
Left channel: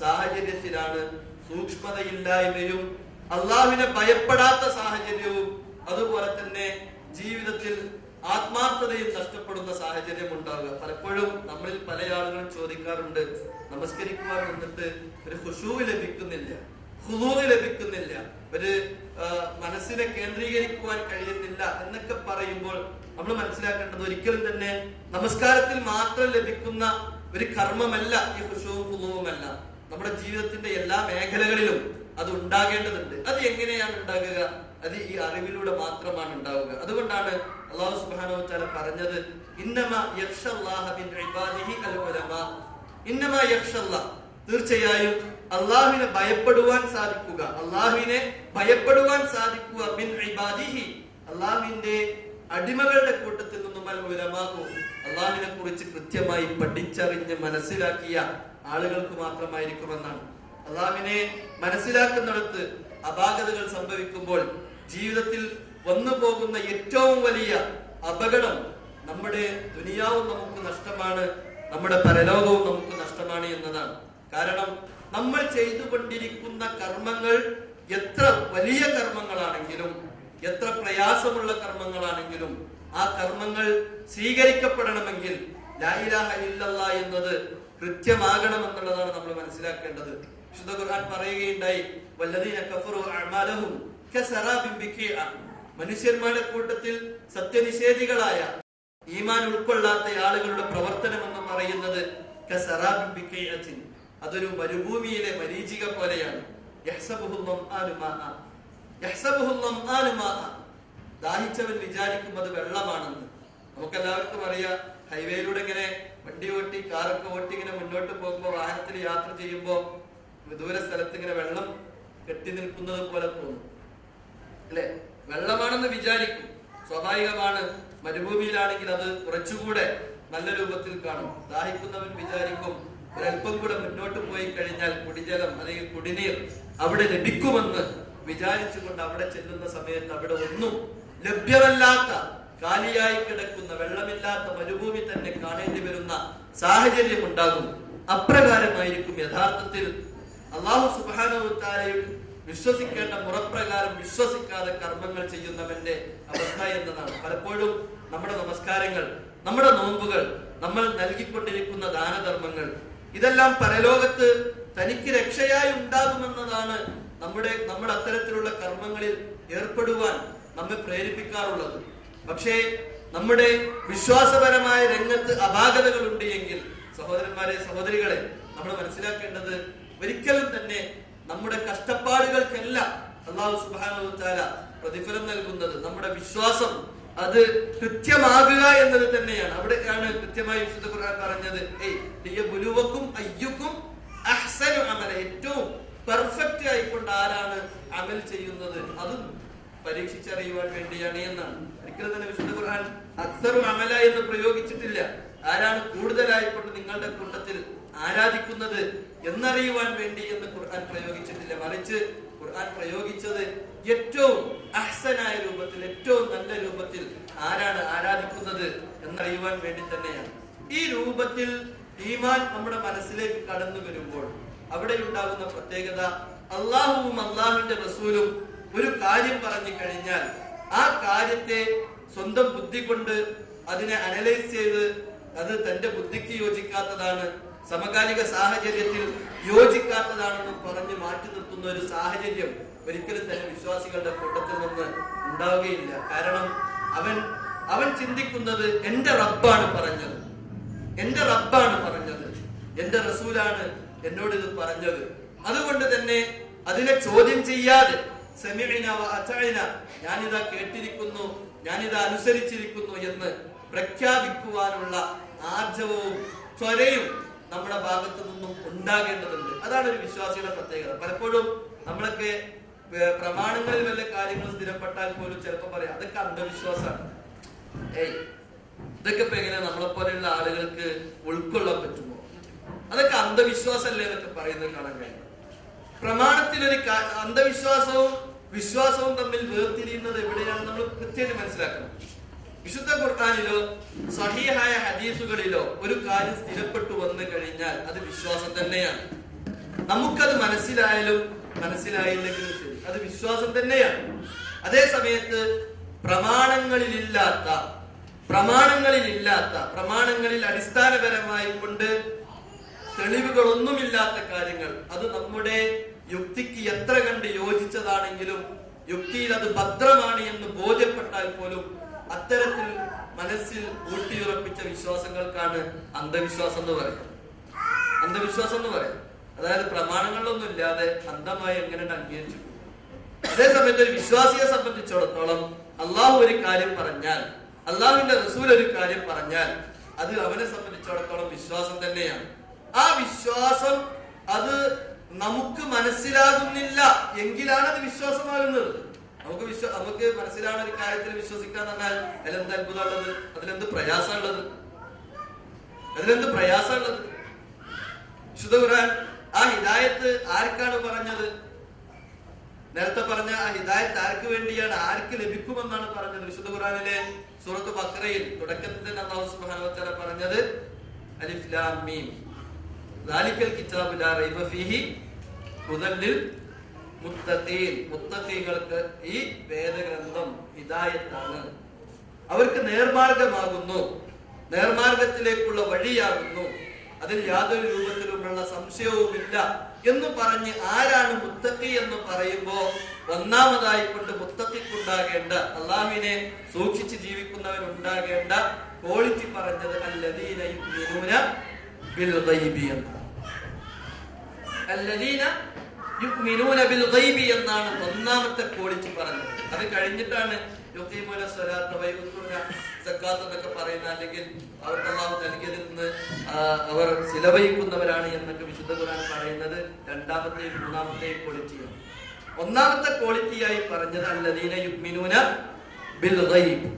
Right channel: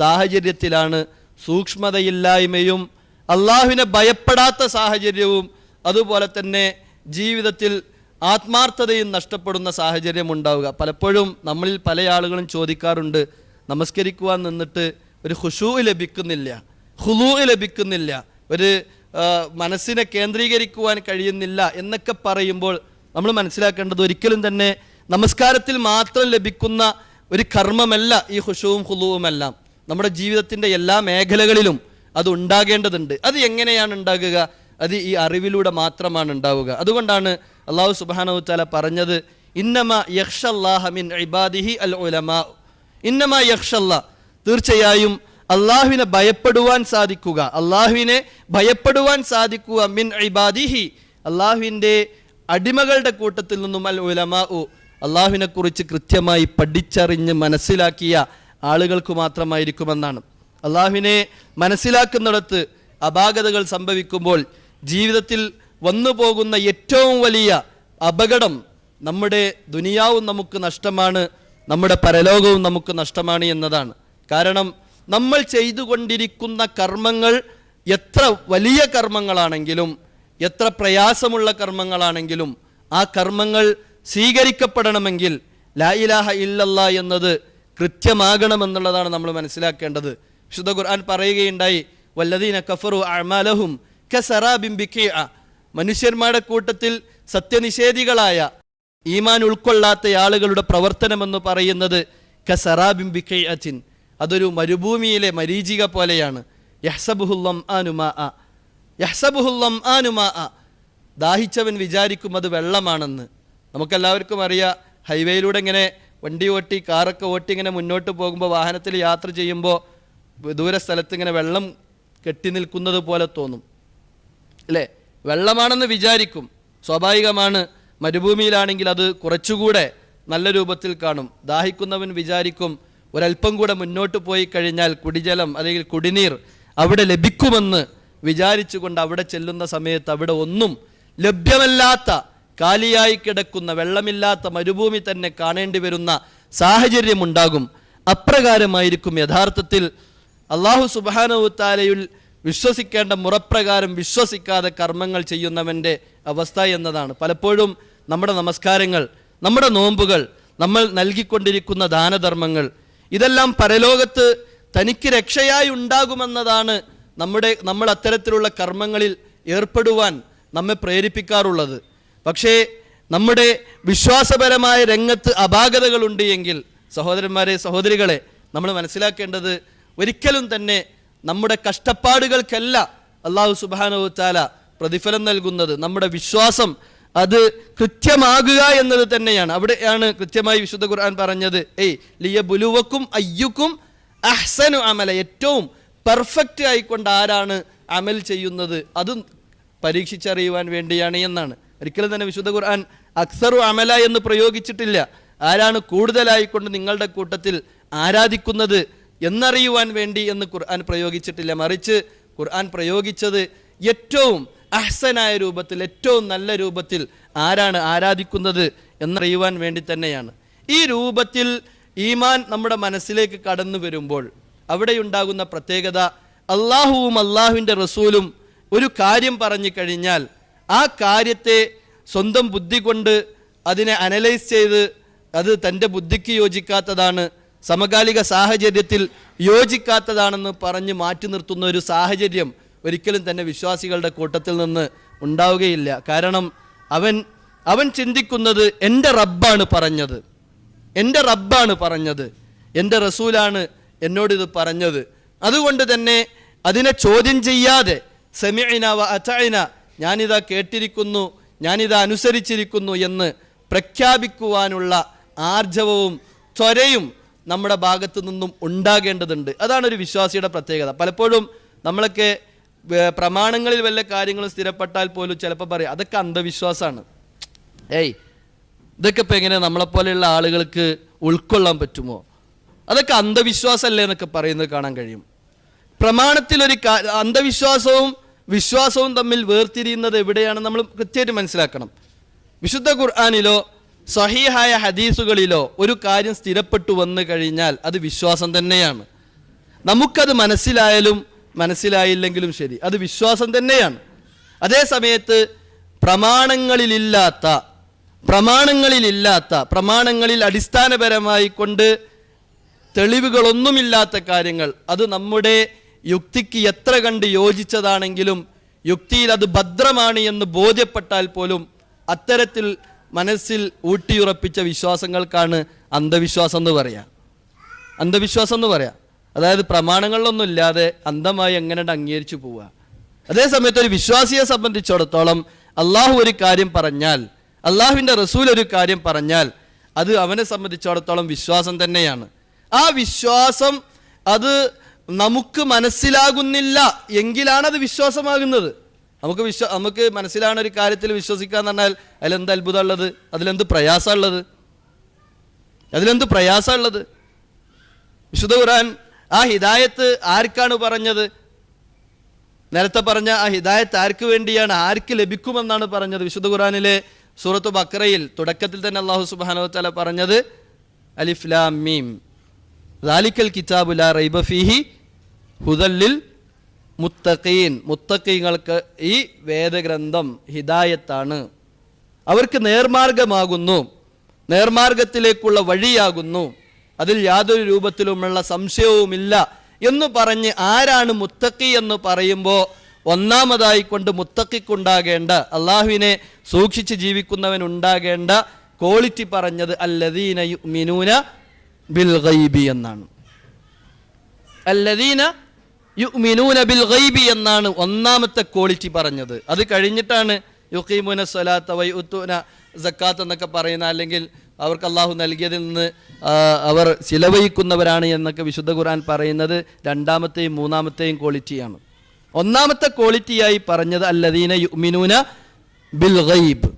സാഹചര്യത്തിലാണ് സൂക്ഷ്മതയില്ലായ്മയും അള്ളാഹുവിനെ ഭയപ്പെടാത്ത സാഹചര്യവും അതുപോലെ തന്നെ ജീവിതത്തിൽ ആത്മാർത്ഥതയും നഷ്ടപ്പെടുന്ന സാഹചര്യം ഉണ്ടാവുക. പലപ്പോഴും നമ്മളിൽ പല ആളുകളും ചോദിക്കാറുണ്ട്, നമസ്കരിക്കുവാൻ നിന്നിട്ട് ഒരു ഖുശൂ ലഭിക്കുന്നില്ല, ഖുളൂ ലഭിക്കുന്നില്ല, ഒരു മനസ്സിനെ കേന്ദ്രീകരിക്കുവാൻ കഴിയുന്നില്ല എന്നൊക്കെ പറയുമ്പോൾ നമ്മൾ മനസ്സിലാക്കേണ്ടത് ഒരിക്കലും തന്നെ നമസ്കാരത്തിൽ മാത്രം ലഭിക്കുന്ന ഒരു കർമ്മമല്ല ഈ ഖുശൂവും ഖുളൂവുമെല്ലാം. നമ്മുടെ ജീവിതത്തിന്റെ എല്ലാ മേഖലകളിലും അത് ഉണ്ടാകേണ്ടതുണ്ട്. അത് എങ്ങനെയാണ് ഉണ്ടാകുക? അത് ഈ അറിവിലൂടെ മാത്രമാണ് ഉണ്ടാവുക. അതുകൊണ്ടാണ് അല്ലാഹു സുബ്ഹാനഹു വ തആല പറഞ്ഞത്, ഇന്നമാ യഖ്ഷല്ലാഹ മിൻ ഇബാദിഹി അൽ ഉലമാ. ഇന്നമാ യഖ്ഷല്ലാഹ്, തീർച്ചയായും അള്ളാഹുവിനെ ഭയപ്പെടുവാൻ സാധിക്കുക, അള്ളാഹുവിനെ ഭയപ്പെടുവാൻ സാധിക്കുക മിൻ ഇബാദിഹി, അള്ളാഹുവിന്റെ അടിമകളുടെ കൂട്ടത്തിൽ നിന്നും അൽ ഉലമാ, അള്ളാഹുവിനെ കുറിച്ച് കൃത്യമായി പഠിച്ചറിഞ്ഞ് മനസ്സിലാക്കിയ ആളുകൾക്ക് മാത്രമായിരിക്കുമെന്നാണ്. അള്ളാഹുവിനെ മനസ്സിലാക്കുന്നിടത്ത് അപാകതകൾ സംഭവിക്കുമ്പോൾ ജീവിതത്തിൽ വന്നു പോകുന്ന ഏറ്റവും വലിയ അപകടം നമ്മുടെ ദുനിയാവും നമുക്ക് നഷ്ടമാണ്, നമ്മുടെ പരലോകവും നമുക്ക് നഷ്ടമാണ് എന്നതാണ്. കാരണം നമ്മൾ ചെയ്തുകൊണ്ടിരിക്കുന്ന കർമ്മങ്ങൾ എത്ര വലിയ കർമ്മങ്ങളാണെങ്കിലും എത്ര പ്രയാസമുള്ള കർമ്മങ്ങളാണെങ്കിലും ആ കർമ്മങ്ങൾ സ്വീകരിക്കപ്പെടണമെങ്കിൽ ലാ ഇലാഹ ഇല്ലല്ലാ എന്നത് കൃത്യമാകണമെന്നുള്ളതാണ് നമ്മൾ മനസ്സിലാക്കേണ്ടത്. വിശുദ്ധ ഖുർആൻ പറയുകയുണ്ടായി, വല്ലദീന കഫറു അഅമാലഹും കസറാബിൻ ബിഖീഅ. മനുഷ്യന്മാരുടെ കൂട്ടത്തിൽ സത്യനിഷേധികളായ ഈമാൻ ഉൾക്കൊള്ളാത്ത ആളുകളുടെ പ്രവർത്തനമെന്ന് പറയുന്നത് കസറാബിൻ ബിഖീഅത്തിൻ, അതൊരു മരുഭൂമിയിലെ മരീചിക പോലെയാണ്. ദാഹിച്ചവൻ വിചാരിക്കും അത് വെള്ളമാണെന്ന്. നമുക്കെല്ലാവർക്കും അറിയാം, ഹൈവേയിലൂടെ ഇങ്ങനെ വണ്ടി ഓട്ടി കാറൊക്കെ ഓട്ടി ഇങ്ങനെ മുന്നോട്ട് പോകുമ്പോൾ വാഹനത്തിൽ യാത്ര ചെയ്യുമ്പോൾ ദൂര സ്ഥലത്ത് ഇങ്ങനെ വെള്ളം കെട്ടി നിൽക്കുന്നത് പോലെ തോന്നും അല്ലേ? വെള്ളമാണെന്ന് വിചാരിക്കും, സ്വാഭാവികമാണ്. മരുഭൂമിയിലാണെങ്കിൽ അത് കുറച്ചുകൂടെ നല്ല രൂപത്തിൽ കാണും. ദാഹിക്കുന്നവൻ വിചാരിക്കും ഒരല്പം കൂടെ മുന്നോട്ട് പോയി കഴിഞ്ഞാൽ കുടിജലം അല്ലെങ്കിൽ കുടിനീർ അവിടെ ലഭിക്കുമെന്ന് വിചാരിച്ചുകൊണ്ട് അവിടെ ചെല്ലുന്ന സമയത്ത് അവിടെ ഒന്നും ലഭ്യമല്ലാത്ത കാലിയായി കിടക്കുന്ന വെള്ളമില്ലാത്ത മരുഭൂമി തന്നെ കാണേണ്ടി വരുന്ന സാഹചര്യം ഉണ്ടാകും. അപ്രകാരമായിരിക്കും യഥാർത്ഥത്തിൽ അല്ലാഹു സുബ്ഹാനഹു വ തആലയിൽ വിശ്വസിക്കേണ്ട മുറപ്രകാരം വിശ്വസിക്കാതെ കർമ്മങ്ങൾ ചെയ്യുന്നവന്റെ അവസ്ഥ എന്നതാണ്. പലപ്പോഴും നമ്മുടെ നമസ്കാരങ്ങൾ, നമ്മുടെ നോമ്പുകൾ, നമ്മൾ നൽകിക്കൊണ്ടിരിക്കുന്ന ദാനധർമ്മങ്ങൾ, ഇതെല്ലാം പരലോകത്ത് തനിക്ക് രക്ഷയായി ഉണ്ടാകുമെന്നതാണ് നമ്മൾ അത്തരത്തിലുള്ള കർമ്മങ്ങളിൽ ഏർപ്പെടുവാൻ നമ്മെ പ്രേരിപ്പിക്കാറുള്ളത്. പക്ഷേ നമ്മുടെ വിശ്വാസപരമായ രംഗത്ത് അപാകതകളുണ്ട് എങ്കിൽ സഹോദരന്മാരെ, സഹോദരികളെ, നമ്മൾ മനസ്സിലാക്കേണ്ടത് ഒരിക്കലും തന്നെ നമ്മുടെ കഷ്ടപ്പാടുകൾക്കല്ല അല്ലാഹു സുബ്ഹാനഹു വ തആല പ്രതിഫലം നൽകുന്നത്. നമ്മുടെ വിശ്വാസം അത് കൃത്യമാകുക എന്നത് തന്നെയാണ്. അവിടെയാണ് കൃത്യമായി വിശുദ്ധ ഖുർആൻ പറഞ്ഞത്, ലിയബ്ലുവക്കും അയ്യുക്കും അഹ്സനു അമല, ഏറ്റവും പെർഫെക്റ്റ് ആയിക്കൊണ്ട് ആരാണ് അമൽ ചെയ്യുന്നത് അതും പരീക്ഷിച്ചറിയുവാൻ വേണ്ടിയാണ് എന്നാണ്. ഒരിക്കലും തന്നെ വിശുദ്ധ ഖുർആൻ അക്സറു അമല എന്ന് പ്രയോഗിച്ചിട്ടില്ല. ആരാണ് കൂടുതലായിക്കൊണ്ട് നിങ്ങളുടെ കൂട്ടത്തിൽ ആരാധിക്കുന്നത് എന്നറിയുവാൻ വേണ്ടി എന്ന് ഖുർആൻ പ്രയോഗിച്ചിട്ടില്ല. മറിച്ച് ഖുർആൻ പ്രയോഗിച്ചത് ഏറ്റവും അഹ്സനായ രൂപത്തിൽ, ഏറ്റവും നല്ല രൂപത്തിൽ ആരാണ് ആരാധിക്കുന്നത് എന്നറിയുവാൻ വേണ്ടി തന്നെയാണ്. ഈ രൂപത്തിൽ ഈമാൻ നമ്മുടെ മനസ്സിലേക്ക് കടന്നു വരുമ്പോൾ അവിടെയുണ്ടാകുന്ന പ്രത്യേകത, അള്ളാഹുവും അള്ളാഹുവിൻ്റെ റസൂലും ഒരു കാര്യം പറഞ്ഞു കഴിഞ്ഞാൽ ആ കാര്യത്തെ സ്വന്തം ബുദ്ധി കൊണ്ട് അതിനെ അനലൈസ് ചെയ്ത് അത് തൻ്റെ ബുദ്ധിക്ക് യോജിക്കാത്തതാണ്, സമകാലിക സാഹചര്യത്തിൽ യോജിക്കാത്തതാണെന്ന് പറഞ്ഞ് മാറ്റി നിർത്തുന്ന ഒരു സാഹചര്യം ഒരിക്കലും തന്നെ വിശ്വാസികളുടെ കൂട്ടത്തിൽ നിന്ന് ഉണ്ടാവുകയില്ല. കാരണം അവൻ ചിന്തിക്കുന്നത് എൻ്റെ റബ്ബാണ് പറഞ്ഞത്, എൻ്റെ റബ്ബാണ് പറഞ്ഞത്, എൻ്റെ റസൂലാണ് എന്നോടിത് പറഞ്ഞത്. അതുകൊണ്ട് തന്നെ അതിനെ ചോദ്യം ചെയ്യാതെ സമിഅന വ അതഅന, ഞാനിതാ കേട്ടിരിക്കുന്നു, ഞാനിതാ അനുസരിച്ചിരിക്കുന്നു എന്ന് പ്രഖ്യാപിക്കുവാനുള്ള ആർജവവും ത്വരയും നമ്മുടെ ഭാഗത്തു നിന്നും ഉണ്ടാകേണ്ടതുണ്ട്. അതാണ് ഒരു വിശ്വാസിയുടെ പ്രത്യേകത. പലപ്പോഴും നമ്മളൊക്കെ പ്രമാണങ്ങളിൽ വല്ല കാര്യങ്ങളും സ്ഥിരപ്പെട്ടാൽ പോലും ചിലപ്പോൾ പറയും അതൊക്കെ അന്ധവിശ്വാസമാണ്. ഇതൊക്കെ ഇപ്പം എങ്ങനെ നമ്മളെപ്പോലെയുള്ള ആളുകൾക്ക് ഉൾക്കൊള്ളാൻ പറ്റുമോ? അതൊക്കെ അന്ധവിശ്വാസമല്ലേ എന്നൊക്കെ പറയുന്നത് കാണാൻ കഴിയും. പ്രമാണത്തിൽ ഒരു അന്ധവിശ്വാസവും വിശ്വാസവും തമ്മിൽ വേർതിരിയുന്നത് എവിടെയാണ് നമ്മൾ കൃത്യമായിട്ട് മനസ്സിലാക്കണം. വിശുദ്ധ ഖുർആനിലോ സ്വഹീഹായ ഹദീസുകളിലോ ഒരു കാര്യം സ്ഥിരപ്പെട്ടു വന്നു കഴിഞ്ഞാൽ അത് വിശ്വാസം തന്നെയാണ്. നമുക്കത് മനസ്സിലായാലും മനസ്സിലായില്ലെങ്കിലും ശരി, അത് വിശ്വാസം തന്നെയാണ്. അതേ സമയത്ത് പ്രമാണങ്ങളിൽ അടിസ്ഥാനപരമായി കൊണ്ട് തെളിവുകളൊന്നുമില്ലാത്ത കാര്യങ്ങൾ, അത് നമ്മുടെ യുക്തിക്ക് എത്ര കണ്ട് യോജിച്ചതാണെങ്കിലും യുക്തിയിൽ അത് ഭദ്രമാണ് എന്ന് ബോധ്യപ്പെട്ടാൽ പോലും അത്തരത്തിൽ മനസ്സിൽ ഊട്ടിയുറപ്പിച്ച വിശ്വാസങ്ങൾക്കാണ് അന്ധവിശ്വാസം എന്ന് പറയാം. അതായത് പ്രമാണങ്ങളിലൊന്നും ഇല്ലാതെ അന്ധമായി എങ്ങനെ അംഗീകരിച്ചു പോവുക. അതേസമയത്ത് ഒരു വിശ്വാസിയെ സംബന്ധിച്ചിടത്തോളം അള്ളാഹു ഒരു കാര്യം പറഞ്ഞാൽ, അള്ളാഹുവിന്റെ റസൂൽ ഒരു കാര്യം പറഞ്ഞാൽ അത് അവനെ സംബന്ധിച്ചിടത്തോളം വിശ്വാസം തന്നെയാണ്. ആ വിശ്വാസം അത് നമുക്ക് മനസ്സിലാകുന്നില്ല എങ്കിലാണ് അത് വിശ്വാസമാകുന്നത്. നമുക്ക് മനസ്സിലാകുന്ന ഒരു കാര്യത്തിൽ വിശ്വസിക്കാന്ന് പറഞ്ഞാൽ അതിലെന്ത് അത്ഭുതമുള്ളത്? അതിലെന്ത് പ്രയാസമുള്ളത്? വിശുദ്ധ ഖുർആൻ ആ ഹിദായത്ത് ആർക്കാണ് പറഞ്ഞത്? നേരത്തെ പറഞ്ഞ ആ ഹിദായത്ത് ആർക്ക് വേണ്ടിയാണ്, ആർക്ക് ലഭിക്കുമെന്നാണ് പറഞ്ഞത്? വിശുദ്ധ ഖുർആനിലെ സൂറത്ത് ബഖറയിൽ തുടക്കത്തിൽ തന്നെ അല്ലാഹു സുബ്ഹാനഹു വ തആല പറഞ്ഞത് അലിഫ് ലാം മീം ദാലിക്കൽ കിതാബു ലാ റൈബ ഫീഹി ഹുദൽ ലിൽ മുത്തഖീൻ. മുത്തഖീങ്ങൾക്ക് ഈ വേദഗ്രന്ഥം ഹിദായത്താണ്, അവർക്ക് നേർമാർഗമാകുന്നു, നേർമാർഗത്തിലേക്കുള്ള വഴിയാകുന്നു, അതിൽ യാതൊരു രൂപത്തിലുമുള്ള സംശയവുമില്ല എന്ന് പറഞ്ഞ് ആരാണ് മുത്തഖി എന്ന് പറയുമ്പോൾ ഒന്നാമതായി കൊണ്ട് മുത്തഖിക്കുണ്ടാകേണ്ട, അള്ളാഹുവിനെ സൂക്ഷിച്ച് ജീവിക്കുന്നവൻ ഉണ്ടാകേണ്ട ക്വാളിറ്റി പറഞ്ഞത് അല്ലദീന യുഅ്മിനൂന ബിൽ ഗൈബി എന്നാണ്. അല്ലദീന യുഅ്മിനൂന ബിൽ ഗൈബി എന്നാണ് ഒന്നാമത്തെ ക്വാളിറ്റി പറഞ്ഞത്. അത് കഴിഞ്ഞിട്ടാണ് യുഖീമുന സ്വലാത്ത വയുത്തൂന സക്കാത്ത് എന്നൊക്കെ പറയുന്ന, അല്ലെങ്കിൽ അവർക്ക് അള്ളാഹു നൽകിയതിൽ നിന്ന് അവർ ചിലവഴിക്കുന്നവരാണ് എന്നൊക്കെ വിശുദ്ധ ഖുർആൻ പറയുന്നത് രണ്ടാമത്തെയും മൂന്നാമത്തെയും ക്വാളിറ്റിയാണ്. ഒന്നാമത്തെ ക്വാളിറ്റിയായി പറഞ്ഞത് അല്ലദീന യുഅ്മിനൂന ബിൽ ഗൈബ്,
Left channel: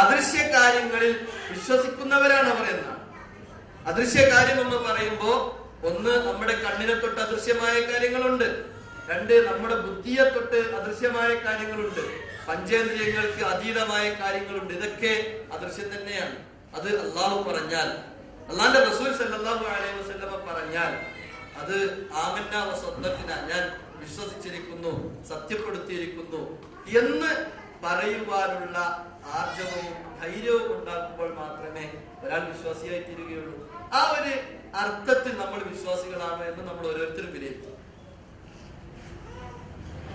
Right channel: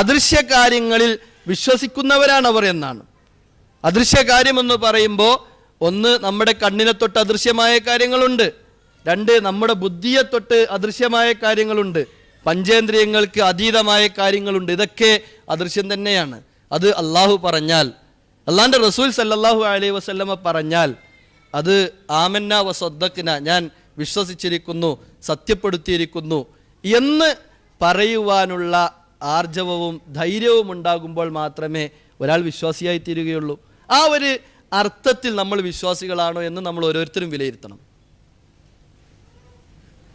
അദൃശ്യ കാര്യങ്ങളിൽ വിശ്വസിക്കുന്നവരാണ് അവർ എന്നാണ്. അദൃശ്യ കാര്യം എന്ന് പറയുമ്പോൾ ഒന്ന്, നമ്മുടെ കണ്ണിനെ തൊട്ട് അദൃശ്യമായ കാര്യങ്ങളുണ്ട്. രണ്ട്, നമ്മുടെ ബുദ്ധിയെ തൊട്ട് അദൃശ്യമായ കാര്യങ്ങളുണ്ട്. പഞ്ചേന്ദ്രിയങ്ങൾക്ക് അതീതമായ കാര്യങ്ങളുണ്ട്. ഇതൊക്കെ അദൃശ്യം തന്നെയാണ്. അത് അള്ളാഹു പറഞ്ഞാൽ, അള്ളാഹിന്റെ റസൂൽ സല്ലല്ലാഹു അലൈഹി വസല്ലമ പറഞ്ഞാൽ അത് ആമന്ന വസദ്ദഖ്ന, ഞാൻ വിശ്വസിച്ചിരിക്കുന്നു, സത്യപ്പെടുത്തിയിരിക്കുന്നു എന്ന് പറയുവാനുള്ള ആർജവവും ധൈര്യവും ഉണ്ടാകുമ്പോൾ മാത്രമേ ഒരാൾ വിശ്വാസിയായി തീരുകയുള്ളൂ. ആ ഒരു അർത്ഥത്തിൽ നമ്മൾ വിശ്വാസികളാണോ എന്ന് നമ്മൾ ഓരോരുത്തരും വിലയിരുത്തണം.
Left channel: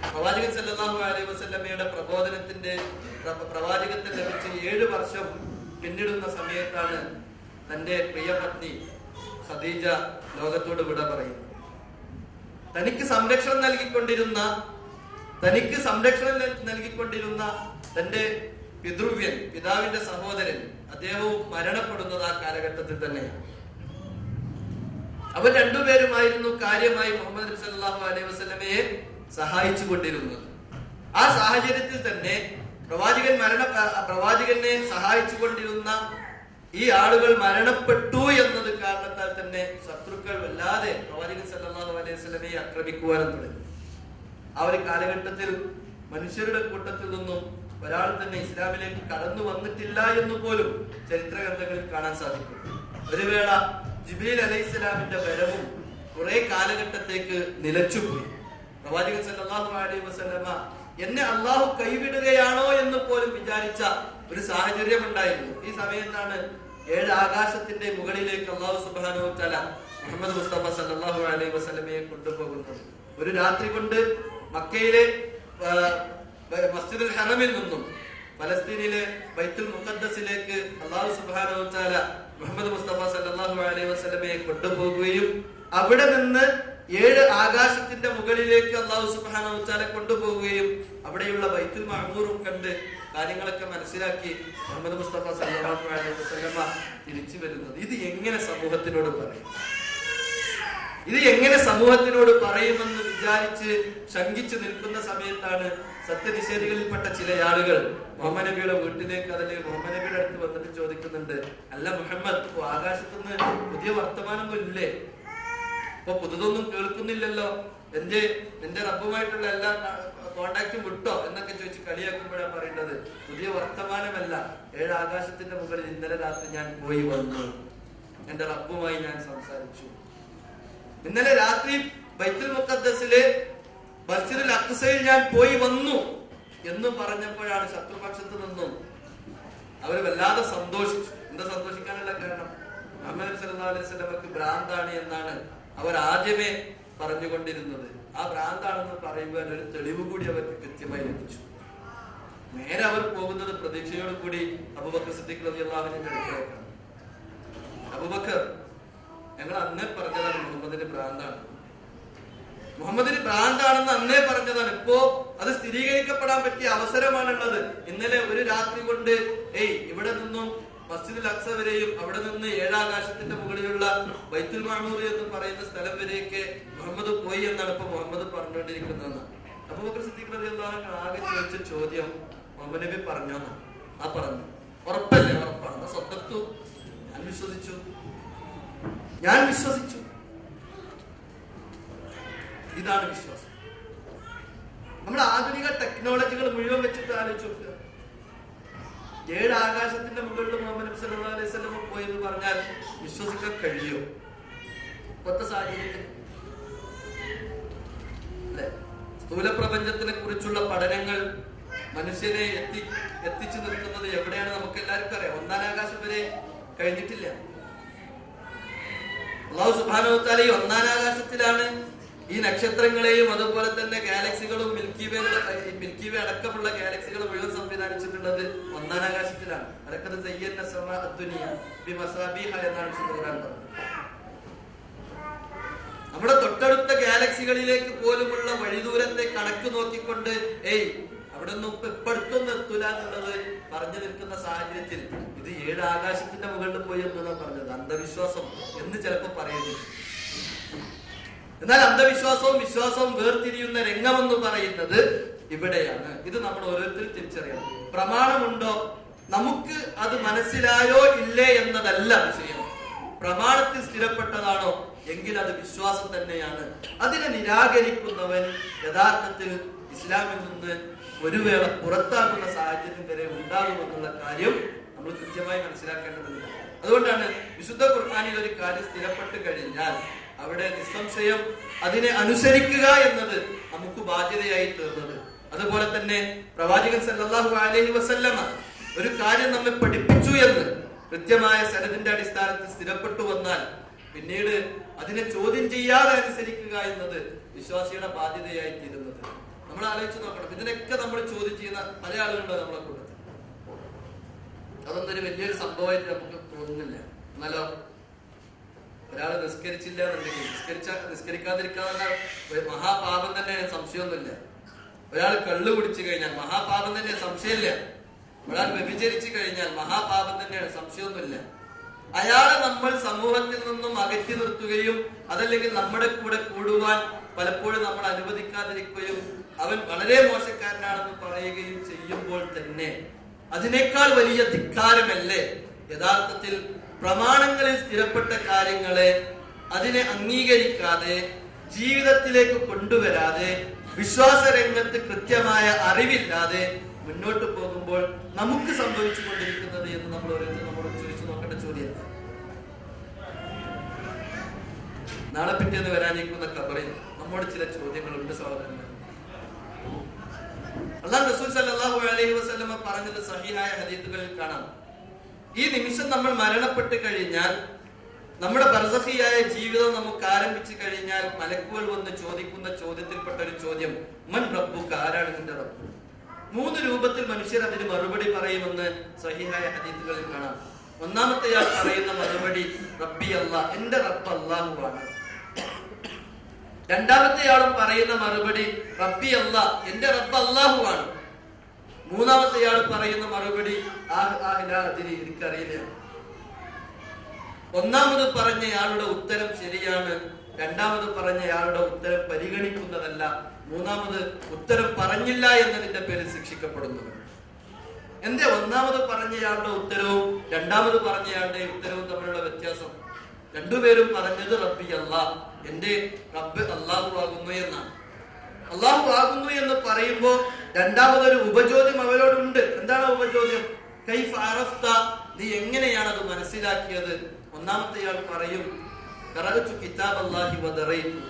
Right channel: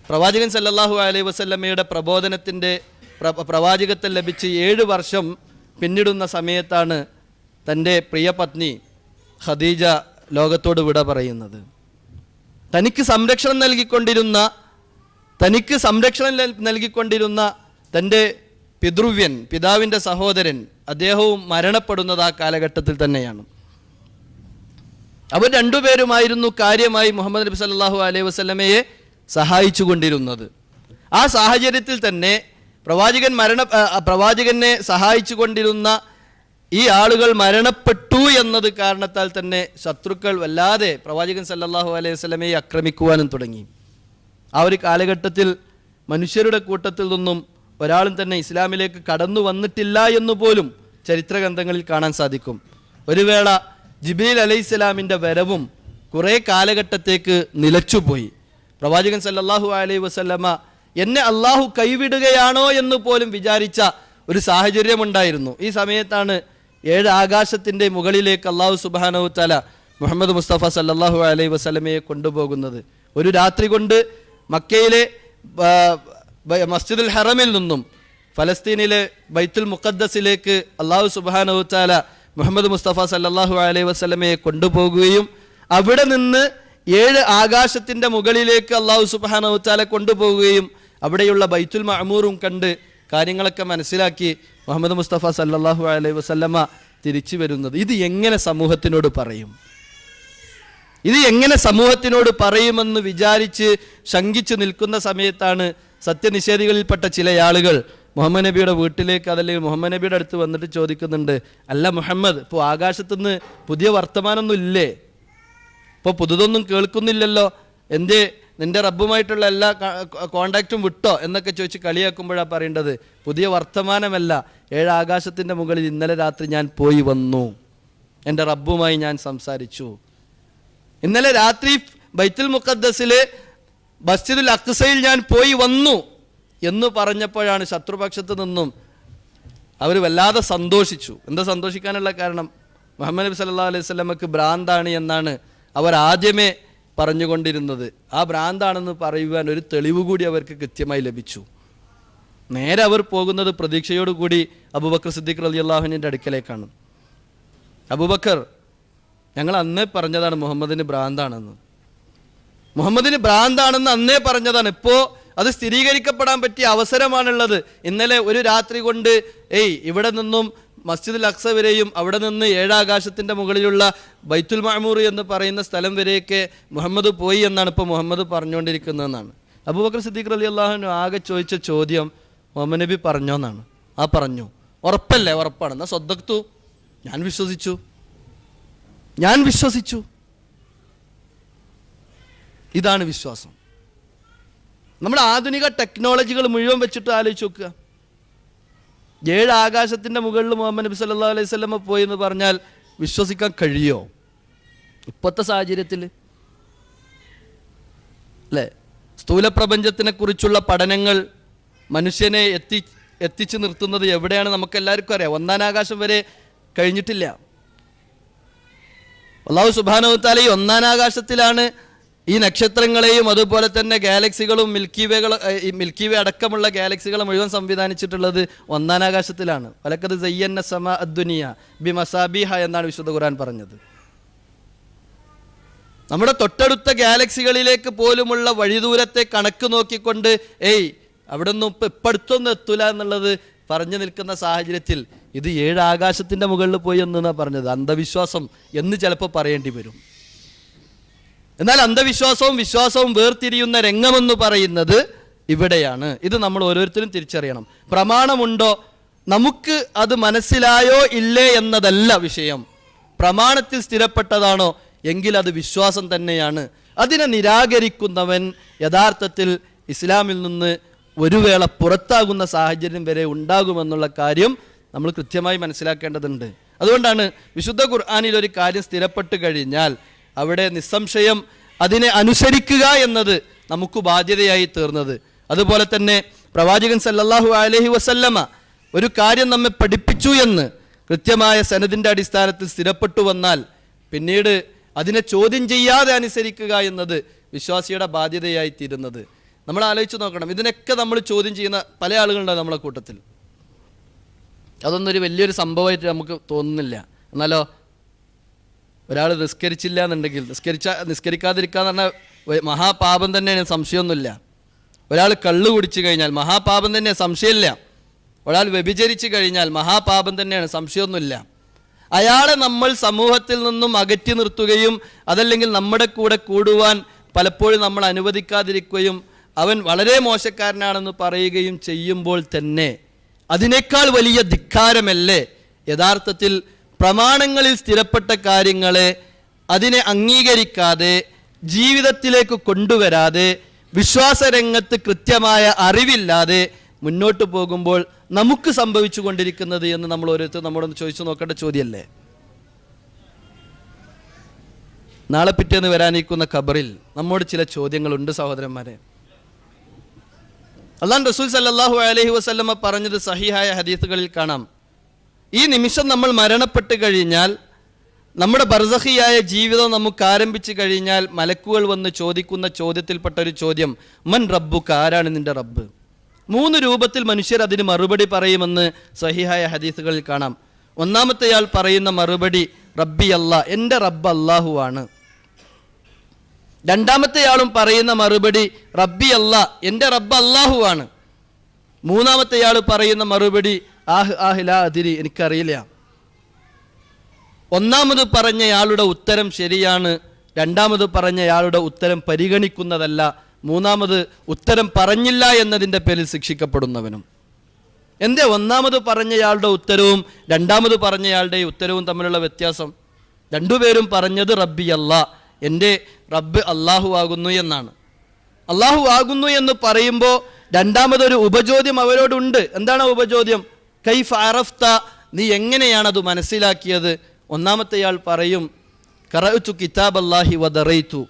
പ്രവാചകൻ സല്ലല്ലാഹു അലൈഹി വസല്ലമയുടെ പ്രബോധനത്തിന്റെ പ്രവാചകത്വം ലഭിച്ച് 7 വർഷം പിന്നിടുന്ന സമയത്താണ് തൻ്റെ പ്രിയ പത്നി ഖദീജ ലോകത്തോട് വിട പറയുന്നത്. തനിക്ക് സംരക്ഷണം നൽകിക്കൊണ്ടിരുന്ന തൻ്റെ പിതൃവ്യൻ, പിതാവിൻ്റെ സഹോദരൻ, അദ്ദേഹവും മരണപ്പെടുന്നത് ആ കാലഘട്ടത്തിൽ തന്നെയാണ്. അവർ രണ്ടുപേരുമായിരുന്നു കാര്യമായി മുഹമ്മദ് നബി സല്ലല്ലാഹു അലൈഹി വസല്ലമയെ സഹായിച്ചു കൊണ്ടിരുന്നത്. ആ സാഹചര്യത്തിൽ തന്നെ പ്രവാചകനെ സഹായിച്ചു കൊണ്ടിരുന്ന ഈ ആളുകൾ മരണപ്പെട്ടു എന്നത് കാരണത്താൽ തന്നെ ശത്രുക്കൾ വല്ലാതെ പ്രവാചകൻ സല്ലല്ലാഹു അലൈഹി വസല്ലമയെ ആക്രമിക്കുവാനും തുടങ്ങി. ആ ഒരു കാലഘട്ടത്തിൽ മനുഷ്യരുടെ കൂട്ടത്തിൽ നിന്നും ഒരാളും തന്നെ ഇസ്ലാമിലേക്ക് കടന്നു വന്നിട്ടില്ല എന്ന് പോലും ചരിത്ര ഗ്രന്ഥങ്ങളിൽ കാണാൻ സാധിക്കും. ഒരു വേള ജിബ്രീൽ അലൈഹിസ്സലാമിന്റെ വരവും കുറെ കാലഘട്ടത്തേക്ക് നിലച്ചുപോയി. പ്രവാചകൻ സല്ലല്ലാഹു അലൈഹി വസല്ലമ എന്നെ അള്ളാഹു കൈവിടുകയാണോ എന്ന് പോലും വിചാരിച്ച ഒരു സാഹചര്യമുണ്ടായിരുന്നു. ഈ സമയത്താണ് 7 ആകാശത്തിന്റെ മുകളിലേക്ക് അള്ളാഹു സുബ്ഹാനഹു തആല മുഹമ്മദ് മുസ്തഫ സല്ലല്ലാഹു അലൈഹി വസല്ലമയെ കൊണ്ടുപോകുന്നത്. ഒരു രാത്രി കൊണ്ട് മക്കയിലെ മസ്ജിദുൽ ഹറമിൽ നിന്നും ഫലസ്തീനിലെ ബൈത്തുൽ മുഖദ്ദസിലേക്ക് അള്ളാഹു സുബ്ഹാനഹു തആല മുഹമ്മദ് മുസ്തഫ സല്ലല്ലാഹു അലൈഹി വസല്ലമയെ കൊണ്ടുപോകുകയും അവിടെ നിന്ന് 7 ആകാശത്തിന്റെ മുകളിലേക്ക് അള്ളാഹു സുബ്ഹാനഹു തആല കൊണ്ടുപോകുകയും അവിടെയുള്ള ബൈത്തുൽ മഅമൂറും കണ്ട് കാര്യങ്ങളൊക്കെ മനസ്സിലാക്കി മുഹമ്മദ് മുസ്തഫ സല്ലല്ലാഹു അലൈഹി വസല്ലമ തിരിച്ചു വരുന്നത്. ഇത് എങ്ങനെ സമൂഹത്തിനോട് പറയുമെന്ന് വിചാരിച്ച് ശങ്കിച്ച് നിൽക്കുന്ന സമയത്താണ് സത്യനിഷേധികളിൽപ്പെട്ട ചില ആളുകൾ മുഹമ്മദ് നബിയുടെ വീട്ടിലേക്ക്, അതല്ലെങ്കിൽ മുഹമ്മദ് നബിയുടെ അടുത്ത് വന്നിട്ട് ചോദിക്കുന്നുണ്ട്, അല്ല മുഹമ്മദ്, ഇപ്പോൾ ആകാശത്തുനിന്ന് പുതിയ വർത്തമാനമൊന്നും ഇല്ലേ? ഇപ്പോൾ പുതുതൊന്നും കേൾക്കുന്നില്ലല്ലോ എന്തേ നിന്റെ റബ്ബുമായിട്ടുള്ള എല്ലാ കോണ്ടാക്റ്റും വിട്ടോ എന്നൊക്കെ ചോദിച്ച് കളിയാക്കുമ്പോഴാണ് പറയേണ്ടത്, പുതിയ വർത്തമാനമല്ല, 7 ആകാശത്തിൻ്റെ മുകളിൽ ഇന്നലെ രാത്രി ഞാൻ പോയി വന്നു, എൻ്റെ റബ്ബുമായി ഞാൻ സംസാരിച്ചു. ഇന്നലെ രാത്രി ബൈത്തുൽ മുഖദ്ദസിലെ മസ്ജിദുൽ അഖ്സയിൽ ഞാൻ പോയി വന്നു എന്ന് പറഞ്ഞപ്പോഴാണ് ശത്രുപക്ഷത്ത് നിന്നും അവർ വല്ലാതെ സന്തോഷിച്ചു. എന്താ സന്തോഷിക്കാനുള്ള കാരണം? മുഹമ്മദ് നബി സല്ലല്ലാഹു അലൈഹി വസല്ലമക്ക് ഭ്രാന്താണ് എന്നാണ് അവർ ആദ്യമേ പറഞ്ഞുകൊണ്ടിരുന്നത്. ആ ഭ്രാന്താണെന്ന് പറയുവാൻ ഒരു തെളിവ് കൂടി അവർക്ക് കൃത്യമായി ലഭിച്ചു. നേരെ അവർ പോകുന്നത് പ്രതീക്ഷയോടുകൂടി അബൂബക്കർ സിദ്ദീഖ് റളിയല്ലാഹു അൻഹുവിന്റെ അടുക്കലേക്കാണ്. അബൂബക്കർ, ഞങ്ങൾ അന്നേ പറഞ്ഞതാണ് മുഹമ്മദിന് ഭ്രാന്താണെന്ന്. മുഹമ്മദിന് ഭ്രാന്താണെന്ന് അന്നേ പറഞ്ഞതാണ്. ഇപ്പോ അത് സ്ഥിരീകരിക്കപ്പെടാൻ പറ്റിയ അവസരമാണുള്ളത്. ഇന്നലെ ഒരു രാത്രി കൊണ്ട് ഇവിടെ നിന്നും മസ്ജിദുൽ അഖ്സ വരെയും അവിടെ നിന്ന് 7 ആകാശത്തിന്റെ മുകളിലുള്ള ബൈത്തുൽ മഅമൂർ എന്ന് പറയുന്ന സ്ഥലം വരെയൊക്കെ മുഹമ്മദ് പോയി എന്നാണ് ഇപ്പോൾ മുഹമ്മദ് പറഞ്ഞുകൊണ്ടിരിക്കുന്നതെന്നാണ്. അബൂബക്കർ സിദ്ദീഖ് റളിയല്ലാഹു അൻഹു ആകെ ചോദിച്ച ചോദ്യം, മുഹമ്മദ് നബി പറഞ്ഞോന്നാണ്. ആ പറഞ്ഞു. ഉറപ്പല്ലേ? ഉറപ്പാണ്. എന്നാ സ്വദ്ദഖ്തു, ഞാൻ വിശ്വസിച്ചു. ഇതാണ് വിശ്വാസം. നമ്മുടെ ആധുനിക ടെക്നോളജികൾ മുഴുവൻ വെച്ചിട്ട് ആലോചിച്ച് നോക്കുക. 7 ആകാശത്തിന്റെ മുകളിൽ മുഹമ്മദ് നബി സല്ലല്ലാഹു അലൈഹി വസല്ലം പോയി എന്ന് പറഞ്ഞാൽ വിശ്വസിക്കാൻ കഴിയോ ഇപ്പോഴത്തെ സാഹചര്യത്തിൽ? അല്ലെ? സ്ഥൂല പ്രപഞ്ചത്തിനെ കുറിച്ചുള്ള പഠനങ്ങൾ മനുഷ്യനെ എത്തിച്ചു നിർത്തുന്നത് എവിടെയാണ് നമുക്ക് എല്ലാവർക്കും അറിയാം. 1-ാം ആകാശം വരെ കഴിഞ്ഞിട്ടില്ല. അല്ലാഹു സുബ്ഹാനഹു വ തആല ഈ 1-ാം ആകാശത്തിലാണ് ഈ നക്ഷത്രങ്ങളെയും അതുപോലെ തന്നെ ഗാലക്സികളും മിൽക്കി വേ അടക്കമുള്ള ഗാലക്സികളെ മുഴുവൻ സംവിധാനിച്ചിട്ടുള്ളത് 1-ാം ആകാശത്തിലാണ്. വലഖദ് സയ്യന്ന സമാ അദ്ദുനിയ ബിമസാബീഹ എന്നാണ് വിശുദ്ധ ഖുർആൻ പറഞ്ഞത്. നമ്മുടെ തൊട്ടടുത്ത ഗാലക്സികളിലേക്ക് പോലുമുള്ള വഴിദൂരത്തെ കണക്ക് നോക്കിക്കൊണ്ട് അവിടെ നിന്നും ഇപ്പൊ അടുത്തൊന്നും എത്തൂല എന്നുള്ളത് പറഞ്ഞു നിൽക്കുന്ന സാഹചര്യത്തിൽ ഇത് 7 ആകാശത്തിന്റെ മുകളിൽ പോയി എന്നാണ് പറഞ്ഞത്. അന്ധവിശ്വാസം എന്ന് ചിലപ്പോൾ പറയേണ്ടി വരും. എന്നാൽ അന്ധവിശ്വാസവും വിശ്വാസവും വേർതിരിയുന്ന രംഗമെന്ന് പറയുന്നത് ഇവിടെയാണ്. ഇത് നമ്മൾ ഓരോരുത്തരും തിരിച്ചറിയണം. പ്രമാണമുണ്ടോ, നമുക്ക് അത് മനസ്സിലായോ ഇല്ലേ എന്നതല്ല വിഷയം. പ്രമാണത്തിൽ സ്ഥിരപ്പെട്ടതാണോ എങ്കിൽ അത് വിശ്വാസം തന്നെയാണ്. അതിനെ നിരാകരിക്കുന്നവൻ യഥാർത്ഥത്തിൽ ഇസ്ലാമിൽ നിന്ന് ഒരു വേള പുറത്താകുന്ന സാഹചര്യം വരെ ഉണ്ടാകുമെന്നുള്ള കാര്യം നമ്മൾ കൃത്യമായി മനസ്സിലാക്കേണ്ടതുണ്ട്. അതുകൊണ്ടാണ് വിശുദ്ധ ഖുർആനിൽ ഒരു കാര്യം സ്ഥിരപ്പെട്ട് കഴിഞ്ഞാൽ അവിടെ നിസ്സംശയം അതിനെ അനുസരിക്കുക എന്നത് നമുക്ക് ബാധ്യതയായി തീർന്നത്. അതുപോലെ തന്നെ പ്രവാചകൻ സല്ലല്ലാഹു അലൈഹി വസല്ലമ ഒരു കാര്യം നമ്മെ പഠിപ്പിച്ചു എന്ന് കൃത്യമായ സനദിന്റെ അടിസ്ഥാനത്തിൽ സ്ഥിരപ്പെട്ടു വന്നാൽ പിന്നീട് അതിനെ ചോദ്യം ചെയ്യാതെ അനുസരിക്കുക എന്നത് വിശ്വാസിയുടെ ബാധ്യതയായി തീരുന്നത്. നമ്മൾ ആലോചിച്ച് നോക്കണം. ഇതിനൊക്കെ നമ്മൾ ചോദ്യം ചെയ്യുന്ന പല ആളുകളുണ്ട് നമ്മളെ കൂട്ടത്തിൽ. അതൊന്നൊരു വലിയൊരു സംഭവമായിട്ട് നമുക്ക് തോന്നുന്നില്ല. എന്നാലോ ഒരാൾ നിസ്കരിച്ചില്ല എന്നുണ്ടെങ്കിൽ നിസ്കരിക്കാതിരിക്കാന്ന് പറഞ്ഞാൽ മഹാപാപം തന്നെയാണ്, സംശയമൊന്നുമില്ല. ഒരാൾ കള്ളു കുടിച്ചു കഴിഞ്ഞാൽ മഹാപാപം തന്നെയാണ്, സംശയമില്ല. ഒരാൾ വ്യഭിചരിച്ചു കഴിഞ്ഞാൽ മഹാപാപം തന്നെയാണ്, സംശയമൊന്നുമില്ല. അയാളെ നമ്മൾ സമൂഹത്തിൽ നിന്നും അകറ്റി നിർത്തുകയും അതല്ലെങ്കിൽ നമ്മുടെ കൂടെ കൂടുവാൻ പലപ്പോഴും നമ്മൾ അനുവദിക്കാതിരിക്കുകയും അവൻ വളരെ മോശക്കാരനാണെന്ന് പറയുകയും ചെയ്യുമ്പോൾ തന്നെ അതിനേക്കാൾ വലിയ ധിക്കാരമല്ലേ യഥാർത്ഥത്തിൽ പ്രമാണങ്ങളിൽ സ്ഥിരപ്പെട്ട കാര്യങ്ങളെ അതിനെ അംഗീകരിക്കാതെ ജീവിതത്തിലേക്ക് കൊണ്ടുവരാതെ വിശ്വാസരംഗത്ത് കൃത്യമായ അറിവില്ലാതെ മുന്നോട്ട് പോകുമ്പോൾ നമുക്ക് സംഭവിച്ചു കൊണ്ടിരിക്കുന്നത് എന്ന് നമ്മൾ ഓരോരുത്തരും നമ്മളോട് ചോദിച്ചു നോക്കേണ്ട ചോദ്യമല്ലേ? നാളെ പിറ്റേന്ന് വരാനിരിക്കുന്ന ഖബറിൽ നമ്മോട് ചില ചോദ്യങ്ങളുണ്ട് സഹോദരന്മാരെ. അല്ലാഹു റസൂൽ സല്ലല്ലാഹു അലൈഹി വസല്ലമ പറഞ്ഞത് സഹീഹായ ഹദീസുകളിൽ കാണാം. ഈ നിമിഷം നമ്മൾ മരണപ്പെട്ട് കഴിഞ്ഞാൽ നമ്മുടെ ബർസഖിയായ ജീവിതം നമുക്ക് ആരംഭിച്ചു കഴിഞ്ഞാൽ മലക്കുകൾ വന്ന് ചോദിക്കുന്ന ചോദ്യത്തിൽപ്പെട്ട ഒരു ചോദ്യം, മൻ റബ്ബുക, ആരാണ് നിന്റെ റബ്ബ്? 3 രൂപത്തിൽ മനുഷ്യർ അതിന് മറുപടി പറയുമെന്ന് സഹീഹായ ഹദീസുകളിൽ കാണാം. ഒന്നാമത്തെയാൾ പറയുന്ന മറുപടി റബ്ബി അല്ലാഹ്, എൻ്റെ റബ്ബ് അല്ലാഹു ആണ്. രണ്ടാമത്തെയാളും പറയുന്ന മറുപടി റബ്ബി അല്ലാഹ്, എൻ്റെ റബ്ബ് അല്ലാഹു ആണ്. മൂന്നാമത്തെയാൾ പറയുന്ന മറുപടി ലാ അദ്രി, എനിക്കറിയില്ല. ഒന്നാമത് പറഞ്ഞയാളുടെ ഉത്തരം ശരിയാണ്, രണ്ടാമത് പറഞ്ഞയാളുടെ ഉത്തരം പരിഗണിക്കുന്നതല്ല, മൂന്നാമത് ഉത്തരം പറഞ്ഞില്ല എന്നതിൻ്റെ പേരിൽ ശിക്ഷിക്കപ്പെടുന്നവനും. എന്തേ ഒന്നാമത് പറഞ്ഞയാളുടെ ഉത്തരവും രണ്ടാമത് പറഞ്ഞയാളുടെ ഉത്തരവും തമ്മിലുള്ള വ്യത്യാസം? രണ്ടുപേരും പറഞ്ഞത് റബ്ബി അല്ലാഹ്, എൻ്റെ റബ്ബ് അള്ളാഹു ആകുന്നു എന്നാണ്. അള്ളാഹു ആകുന്നു എന്ന് പറയുമ്പോൾ രണ്ടാമതൊരു ഉപചോദ്യം അവരോടുണ്ട്. എന്താണ് ഉപചോദ്യം? കൈഫ അറഫ്ത, നീ എങ്ങനെയാണ് അത് മനസ്സിലാക്കിയത്? ഒന്നാമത്തെയാൾ പറയും, ഖറഅതു കിതാബ് അല്ലാഹി വദറൈതു,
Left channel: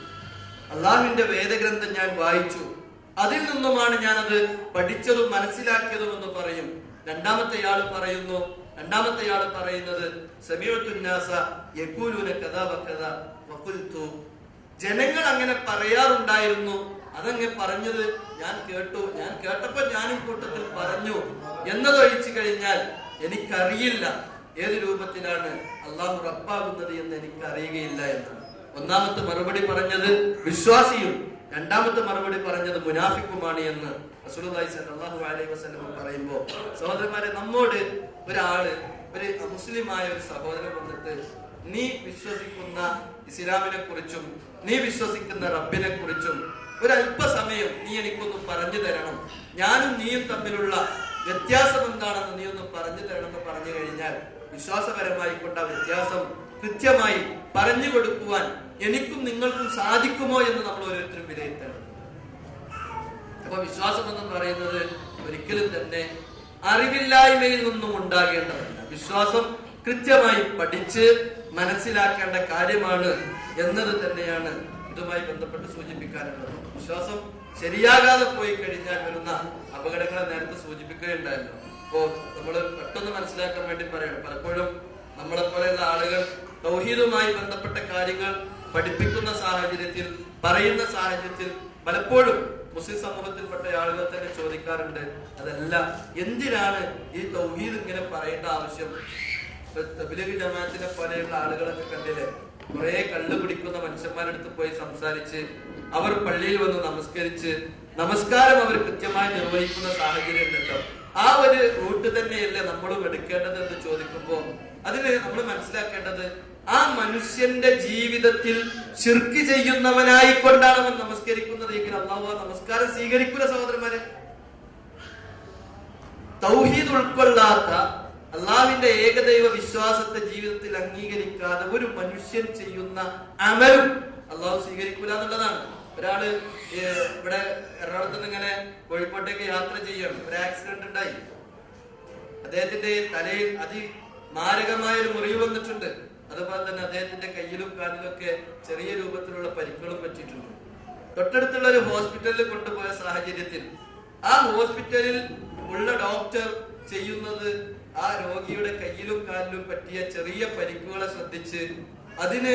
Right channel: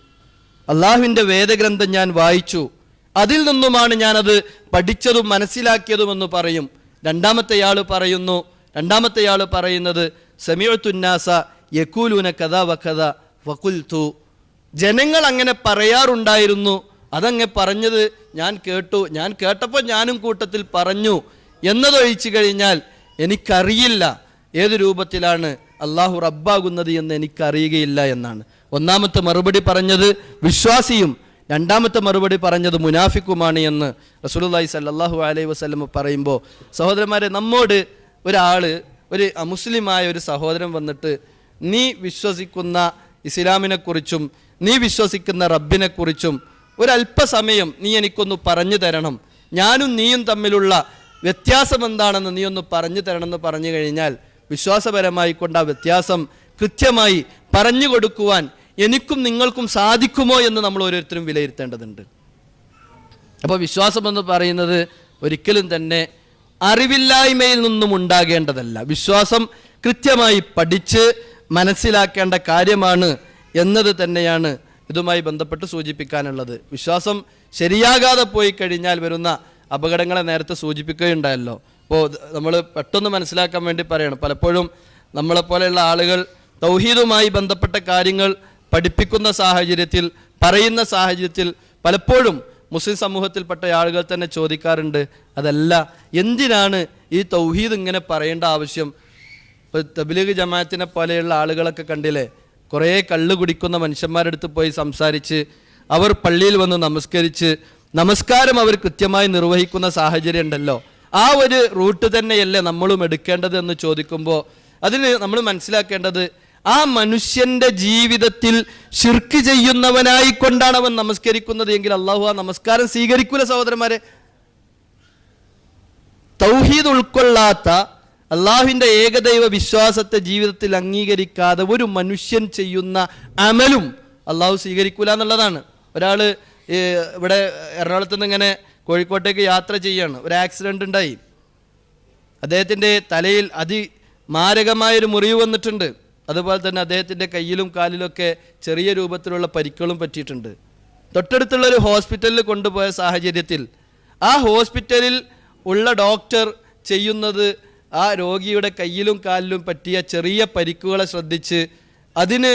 അള്ളാഹുവിൻ്റെ വേദഗ്രന്ഥം ഞാൻ വായിച്ചു, അതിൽ നിന്നുമാണ് ഞാനത് പഠിച്ചതും മനസ്സിലാക്കിയതുമെന്ന് പറയും. രണ്ടാമത്തെയാൾ പറയുന്നത് സമീഅത്തുന്നാസ യഖൂലൂന കദാ വകദാ വഖുൽതു, ജനങ്ങൾ അങ്ങനെ പറയാറുണ്ടായിരുന്നു, അതങ്ങ് പറഞ്ഞത് ഞാൻ കേട്ടു, ഞാൻ കേട്ടപ്പോൾ ഞാനും കൂട്ടത്തിൽ പറഞ്ഞു എന്നതൊഴിച്ചു കഴിഞ്ഞാൽ എനിക്കറിയില്ല ഏത് രൂപത്തിലാണ് അള്ളാഹു റബ്ബാകുന്നത് എന്ന് എനിക്കറിയുകയില്ല എന്നാണ്. ഒന്നാമത്തെ മറുപടി പറഞ്ഞത് വിശ്വാസിയും രണ്ടാമത്തെ മറുപടി പറഞ്ഞത് മുനാഫിക്കുമാണ് എന്ന് റസൂലുള്ളാഹി സ്വല്ലല്ലാഹു അലൈഹി വസല്ലം പറയുമ്പോൾ, സഹോദരന്മാരെ, നമ്മോട് ഒരു അമുസ്ലിമായ ഒരു സഹോദരൻ വന്നിട്ട് നീ വിശ്വസിക്കുന്ന ഇസ്ലാമിനെ കുറിച്ചും നീ വിശ്വസിക്കുന്ന റബ്ബിനെ കുറിച്ചും ഒരല്പസമയം നീ എനിക്കൊന്ന് പറഞ്ഞു തരണം, ഞാനും നീയും തമ്മിലുള്ള വ്യത്യാസം എന്താണെന്ന് നീ ഒന്ന് പറഞ്ഞു തരണം എന്ന് പറഞ്ഞു കഴിഞ്ഞാൽ വിശ്വാസപരമായി കൊണ്ട് ആ വ്യത്യാസം കൃത്യമായി പറഞ്ഞു കൊടുക്കുവാൻ എനിക്കും നിങ്ങൾക്കും സാധിക്കുമോ എന്ന് നമ്മൾ ഓരോരുത്തരും വിലയിരുത്തേണ്ടതുണ്ട്. അപ്പോൾ വിശ്വാസം എന്ന് പറയുന്നത് ഒരിക്കലും തന്നെ അറിവില്ലായ്മയിൽ നിന്നും ഉണ്ടാകേണ്ടതല്ല. വിശ്വാസം കൃത്യമായി പഠിച്ച് മനസ്സിലാക്കേണ്ട കാര്യമാണ് എന്നത് തന്നെയാണ് ഇതുമായി ബന്ധപ്പെട്ട് സൂചിപ്പിക്കാനുള്ളത്. വിശ്വാസം ശരിയാകാതെ പോയി കഴിഞ്ഞാൽ വരുന്ന അപകടങ്ങളെ നേരത്തെ സൂചിപ്പിക്കുകയുണ്ടായല്ലോ. അപ്പോൾ നമ്മൾ പെട്ടെന്ന് മനസ്സിലാക്കാൻ വേണ്ടി പറയണം, പലപ്പോഴും നമ്മളെപ്പോലെയുള്ള ആളുകൾ തൗഹീദുമായി ബന്ധപ്പെട്ട കാര്യങ്ങൾ പഠിപ്പിക്കുന്ന സാഹചര്യത്തിൽ, പറയുന്ന സാഹചര്യത്തിൽ പലപ്പോഴും മുസ്ലിം സമൂഹത്തിൽപ്പെട്ട ആളുകൾ തന്നെ ചോദിക്കാറുണ്ട്, അതല്ല എന്തിനാണ് ഈ തൗഹീദ് ഇങ്ങനെ പറയേണ്ട ആവശ്യം? ഇപ്പോൾ തബ്ലീഗ് ജമാഅത്തിനെ പോലെയുള്ള ആളുകളൊക്കെ കണ്ടില്ലേ, കുറേ കള്ള് കുടിക്കുന്ന മനുഷ്യന്മാരുടെ അടുത്ത് പോയി സംസാരിച്ച് അവർ പള്ളിയിൽ വന്ന് നമസ്കാരം അവർ കൃത്യമായി നിർവഹിക്കുന്ന സാഹചര്യം ഉണ്ടല്ലോ, ആ ഒരു റൂട്ട് തന്നെയല്ലേ നമ്മളും എടുക്കേണ്ടത് എന്ന് ചോദിക്കുമ്പോൾ അതിന് നമ്മൾ മനസ്സിലാക്കേണ്ടത്, ആ മനുഷ്യന്റെ ജീവിതത്തിൽ ശിർക്ക് ചെയ്യുന്നവനായിക്കൊണ്ടാണ് അവൻ നമസ്കരിക്കുന്നത് എങ്കിൽ അള്ളാഹു ആ നമസ്കാരം സ്വീകരിക്കൂല. സഹോദരന്മാരെ, തൗഹീദ് ഉൾക്കൊള്ളാത്ത അള്ളാഹുവിന്റെ ഏകദൈവ വിശ്വാസത്തെ ജീവിതത്തിൽ അംഗീകരിക്കാതെ ഒരു മനുഷ്യൻ ചെയ്യുന്ന അമലും അള്ളാഹു സ്വീകരിക്കൂല എന്നുള്ളതാണ്. ഒരാള് ഇവിടെ എറണാകുളത്ത് നിന്ന് ഇങ്ങനെ കോഴിക്കോട്ടേക്ക് യാത്ര ചെയ്യാണ്, ഒരു ആക്സിഡന്റ് ഉണ്ടായി, അദ്ദേഹത്തിന്റെ തലയിൽ അതിമാരകമായൊരു മുറിവ് വന്നിട്ടുണ്ട്, അതുപോലെ തന്നെ അദ്ദേഹത്തിന്റെ കയ്യിലും കാലിലൊക്കെ ചെറിയ രൂപത്തിലുള്ള പരിക്കുകളും പറ്റിയിട്ടുണ്ട്. തൊട്ടടുത്തുള്ള ഒരു ഹോസ്പിറ്റലിൽ കൊണ്ടുപോയ സാഹചര്യത്തിൽ ആ ഹോസ്പിറ്റലിൽ ഉള്ള ഡോക്ടർ ചെയ്യുന്നത് ആ രോഗിയുടെ കയ്യിലും കാലിലും പറ്റിയ ചെറിയ പരിക്കുകളെ ശ്രദ്ധിച്ച് അതിന്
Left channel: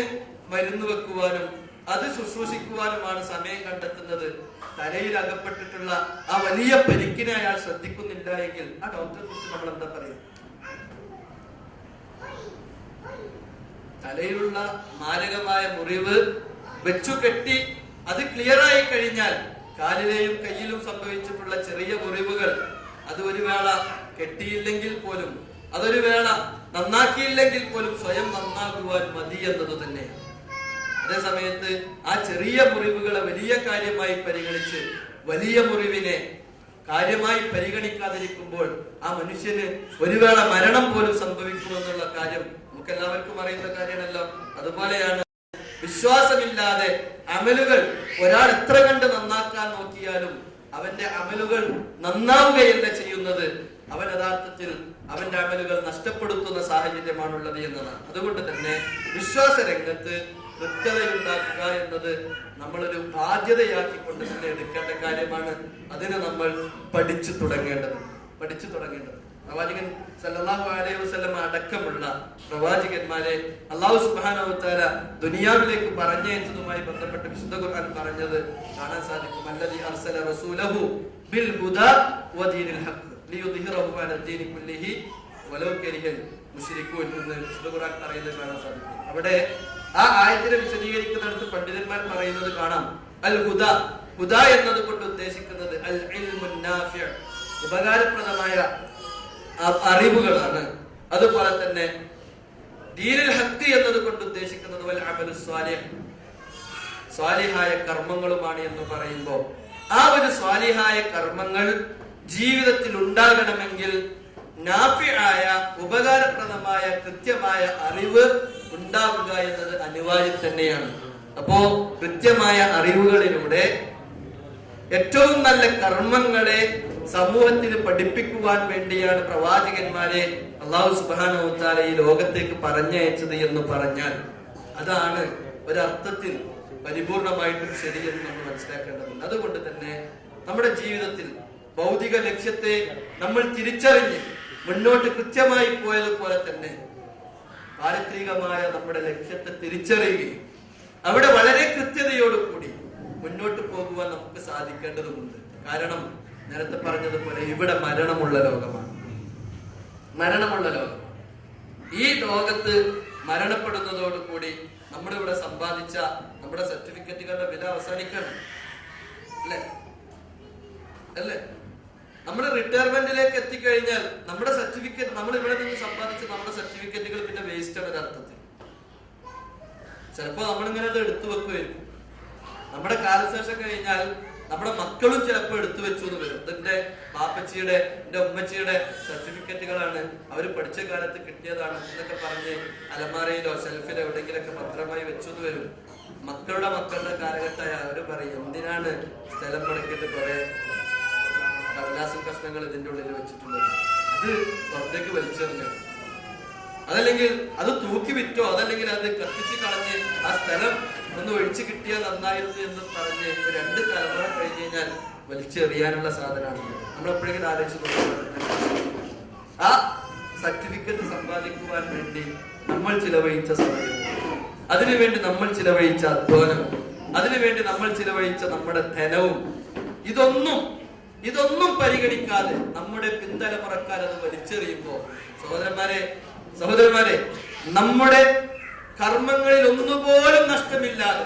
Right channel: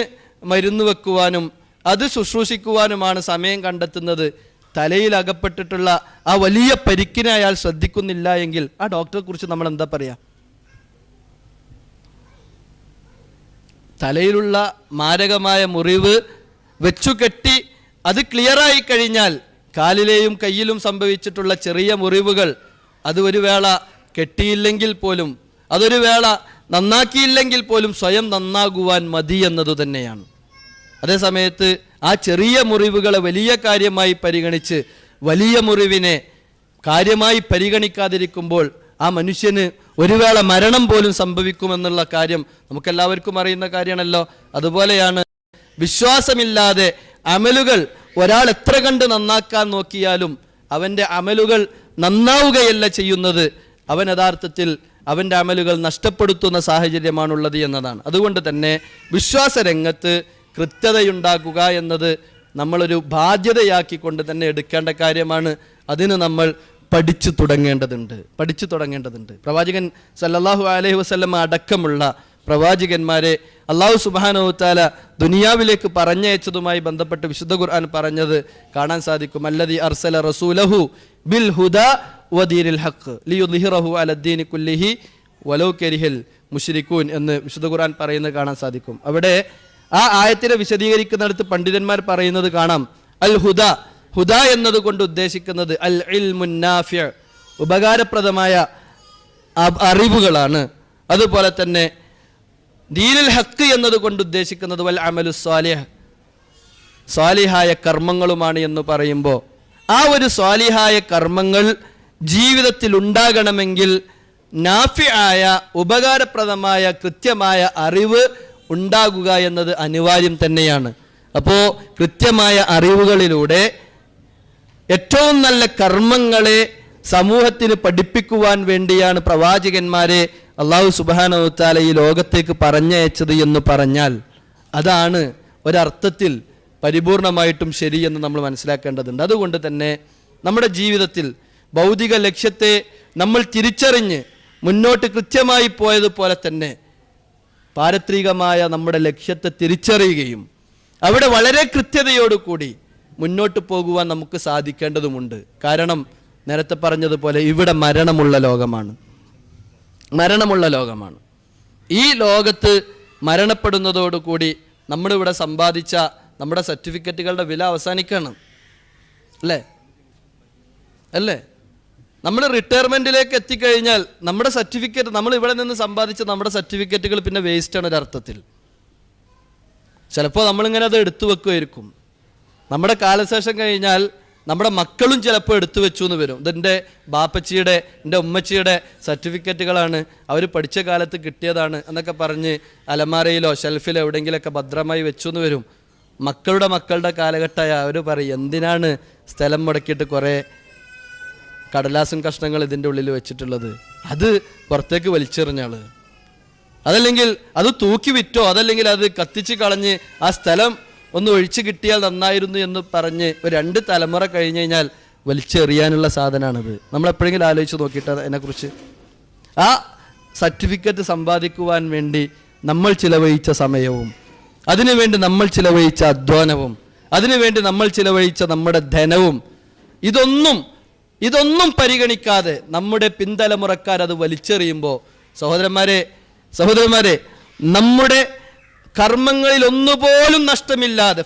മരുന്ന് വെക്കുവാനും അത് ശുശ്രൂഷിക്കുവാനുമാണ് സമയം കണ്ടെത്തുന്നത്. തലയിൽ അകപ്പെട്ടിട്ടുള്ള ആ വലിയ പരിക്കിനെ അയാൾ ശ്രദ്ധിക്കുന്നില്ല എങ്കിൽ ആ ഡോക്ടറെ കുറിച്ച് നമ്മൾ എന്താ പറയാ? തലയിലുള്ള മാരകമായ മുറിവ് വെച്ചുകെട്ടി അത് ക്ലിയറായി കഴിഞ്ഞാൽ കാലിലെയും കയ്യിലും സംഭവിച്ചിട്ടുള്ള ചെറിയ മുറിവുകൾ അത് ഒരു വേള കെട്ടിയില്ലെങ്കിൽ പോലും, അതൊരു വേള നന്നാക്കിയില്ലെങ്കിൽ പോലും സ്വയം നന്നാകുവാൻ മതി എന്നതു തന്നെയാണ്. അതേസമയത്ത് ആ ചെറിയ മുറിവുകളെ വലിയ കാര്യമായി പരിഗണിച്ച് വലിയ മുറിവിനെ കാര്യമായി പരിഗണിക്കാതിരിക്കുമ്പോൾ ആ മനുഷ്യന് ഒരു വേള മരണം പോലും സംഭവിക്കുമെന്നുള്ള കാര്യം നമുക്കെല്ലാവർക്കും അറിയുന്ന കാര്യമാണല്ലോ. അതുപോലെയാണ് വിശ്വാസമില്ലാതെ അമലുകൾ ഒരാൾ എത്ര കണ്ട് നന്നാക്കാൻ നോക്കിയാലും അവന്റെ അമലുകൾ നന്നാവുകയല്ല ചെയ്യുന്നത്, അവൻ യഥാർത്ഥത്തിൽ അവന്റെ അമലുകൾ നഷ്ടപ്പെടുത്തുന്ന സാഹചര്യമാണുള്ളത് എന്നതാണ്. അതുകൊണ്ട് തന്നെ വിശ്വാസ രംഗത്ത് കൃത്യതയുണ്ടാക്കുക എന്നത് നമ്മളൊരു ബാധ്യതയാക്കിക്കൊണ്ട് തന്നെ എടുക്കേണ്ട കാര്യമാണ്. അതിന് നമ്മൾ പഠിച്ചു തുടങ്ങേണ്ടതുണ്ട്. പ്രവാചകൻ സല്ലല്ലാഹു അലൈഹി വസല്ലം അടക്കമുള്ള പ്രവാചകന്മാരെ അല്ലാഹു സുബ്ഹാനഹു വതആല ദുനിയാവിലേക്ക് പറഞ്ഞയച്ചതുമായി ബന്ധപ്പെട്ട് വിശുദ്ധ ഖുർആൻ പറഞ്ഞത് കാണാൻ സാധിക്കും. അല്ലദീ അർസല റസൂലഹു ബിൽ ഹുദാ വദീനിൽ ഹഖ് ലിയുദ്ഹിറഹു അലദ്ദീനി കുല്ലിഹി വലൗ കരിഹൽ മുശ്രികൂൻ എന്ന് വിശുദ്ധ ഖുർആൻ പറയുന്നത് കാണാൻ സാധിക്കും. അവിടെ ആ ആയത്തിനെ വിശദീകരിക്കുന്നിടത്ത് പണ്ഡിതന്മാർ പറയുന്നത് കാണാം, അൽ ഹുദ എന്നതുകൊണ്ട് ഉദ്ദേശിക്കുന്നത് അൽ ഇൽമുൻ നാഫിഅ്, ഉപകാരപ്രദമായ അറിവുകളാണ്. അതുപോലെ തന്നെ ദീനുൽ ഹഖ് എന്നതുകൊണ്ട് ഉദ്ദേശിക്കുന്നത് വൽ അമലു സ്വാലിഹ്, സ്വാലിഹായ കർമ്മങ്ങളുമാണ് എന്ന് പറയുമ്പോൾ ആ ഒരു സ്വാലിഹായ കർമ്മങ്ങൾ ജീവിതത്തിൽ ഉണ്ടാകണമെങ്കിൽ നാഫിആയ ഉപകാരപ്രദമായ കൃത്യമായ അറിവ് ഉണ്ടാകുക എന്നത് അനിവാര്യം തന്നെയാണ്. അപ്പോ കൃത്യമായ അറിവുകളിലൂടെ ഏറ്റവും നല്ല കർമ്മങ്ങളെ സമൂഹത്തിന് പഠിപ്പിക്കുവാൻ വേണ്ടിയാണ് പ്രവാചകന്മാരെ അല്ലാഹു സുബ്ഹാനഹു വ തആല ഈ ലോകത്തേക്ക് പറഞ്ഞയച്ചത് എന്ന് പറഞ്ഞാൽ അതാണ് ഒരർത്ഥത്തിൽ പരിപൂർണമായിട്ടും ശരിയെന്ന് നമ്മൾ മനസ്സിലാക്കേണ്ടതുണ്ട്. അതുകൊണ്ട് തന്നെ നമ്മുടെ ജീവിതത്തിൽ ഭൗതിക ലക്ഷ്യത്തെ നമ്മൾ തിരിച്ചറിഞ്ഞ് മുന്നോട്ട് കൃത്യമായി പോയതുപോലെ തന്നെ പാരത്രികമായ നമ്മുടെ ലക്ഷ്യത്തെ തിരിച്ചറിയുകയും അവിടെ വളരെ കൃത്യതയോടുകൂടി മുന്നോട്ട് പോകുവാൻ നമുക്ക് സാധിക്കേണ്ടതുമുണ്ട്. കാരണം നേരത്തെ പറഞ്ഞതുപോലെ ഇവിടെ മരണമുള്ള ലോകമാണ്. ഈ ലോകത്ത് മരണപ്പെടുന്നതോടുകൂടി നമ്മളിവിടെ സമ്പാദിച്ച നമ്മുടെ സർട്ടിഫിക്കറ്റുകളുടെ വില അവസാനിക്കാണ്. അല്ലേ? നമ്മൾ റിട്ടയർമെന്റിലേക്ക് എത്തിക്കഴിഞ്ഞാൽ നമ്മുടെ സർട്ടിഫിക്കറ്റ്, നമ്മൾ ഇവിടെ നിന്ന് സമ്പാദിച്ച നമ്മുടെ സർട്ടിഫിക്കറ്റുകൾ പിന്നെ വേസ്റ്റാണ് ഒരർത്ഥത്തിൽ. ചിലപ്പോൾ നമ്മളിങ്ങനെ അത് എടുത്തു വെക്കുമായിരിക്കും. നമ്മുടെ കാലശേഷം കഴിഞ്ഞാൽ നമ്മുടെ മക്കളും ചിലപ്പോൾ എടുത്തു വെച്ചു എന്ന് വരും. ഇതെൻ്റെ ബാപ്പച്ചിയുടെ, എൻ്റെ ഉമ്മച്ചിയുടെ സർട്ടിഫിക്കറ്റുകളാണ്, അവർ പഠിച്ച കാലത്ത് കിട്ടിയതാണ് എന്നൊക്കെ പറഞ്ഞ് അലമാരയിലോ ഷെൽഫിലോ എവിടെയെങ്കിലുമൊക്കെ ഭദ്രമായി വെച്ചു എന്ന് വരും. മക്കളുടെ കാലഘട്ടമായ അവർ പറയും, എന്തിനാണ് സ്ഥലം മുടക്കിയിട്ട് കുറേ കടലാസും കഷ്ണങ്ങൾ ഇതിൻ്റെ ഉള്ളിൽ വെച്ചിട്ടുള്ളത്, അത് പുറത്തേക്ക് വലിച്ചെറിഞ്ഞാണ്, അതല്ലെങ്കിൽ അത് തൂക്കി വിറ്റോ, അതല്ലെങ്കിൽ അത് കത്തിച്ച് കളഞ്ഞ് ആ സ്ഥലം ഒന്ന് ഒഴിച്ചു കിട്ടിയാൽ നന്നായിരുന്നു എന്ന് പറഞ്ഞ് ഒരു 2 തലമുറ കഴിഞ്ഞ് കഴിഞ്ഞാൽ വലിച്ചെറിയാനുള്ള സാധനമാണിത്. നമ്മൾ എപ്പോഴെങ്കിലും ആലോചിച്ച് നോക്കിയിട്ട് അതിനെക്കുറിച്ച്. ആ സർട്ടിഫിക്കറ്റ് സമ്പാദിക്കുവാൻ വേണ്ടി നമ്മൾ ചിലവഴിച്ച സമയവും, അതിനുവേണ്ടി നമ്മൾ ചിലവഴിച്ച അധ്വാനവും, അതിനുവേണ്ടി നമ്മൾ ചിലവഴിച്ച നമ്മുടെ ധനവും, ഇതൊന്നും പരിഗണിക്കാതെ നമ്മുടെ പിന്തലമുറക്കാർ അത് വലിച്ചെറിയുമ്പോൾ സഹോദരന്മാരെ നമ്മുടെ കർമ്മങ്ങളിൽ ഒന്നുപോലും നഷ്ടമില്ലാതെ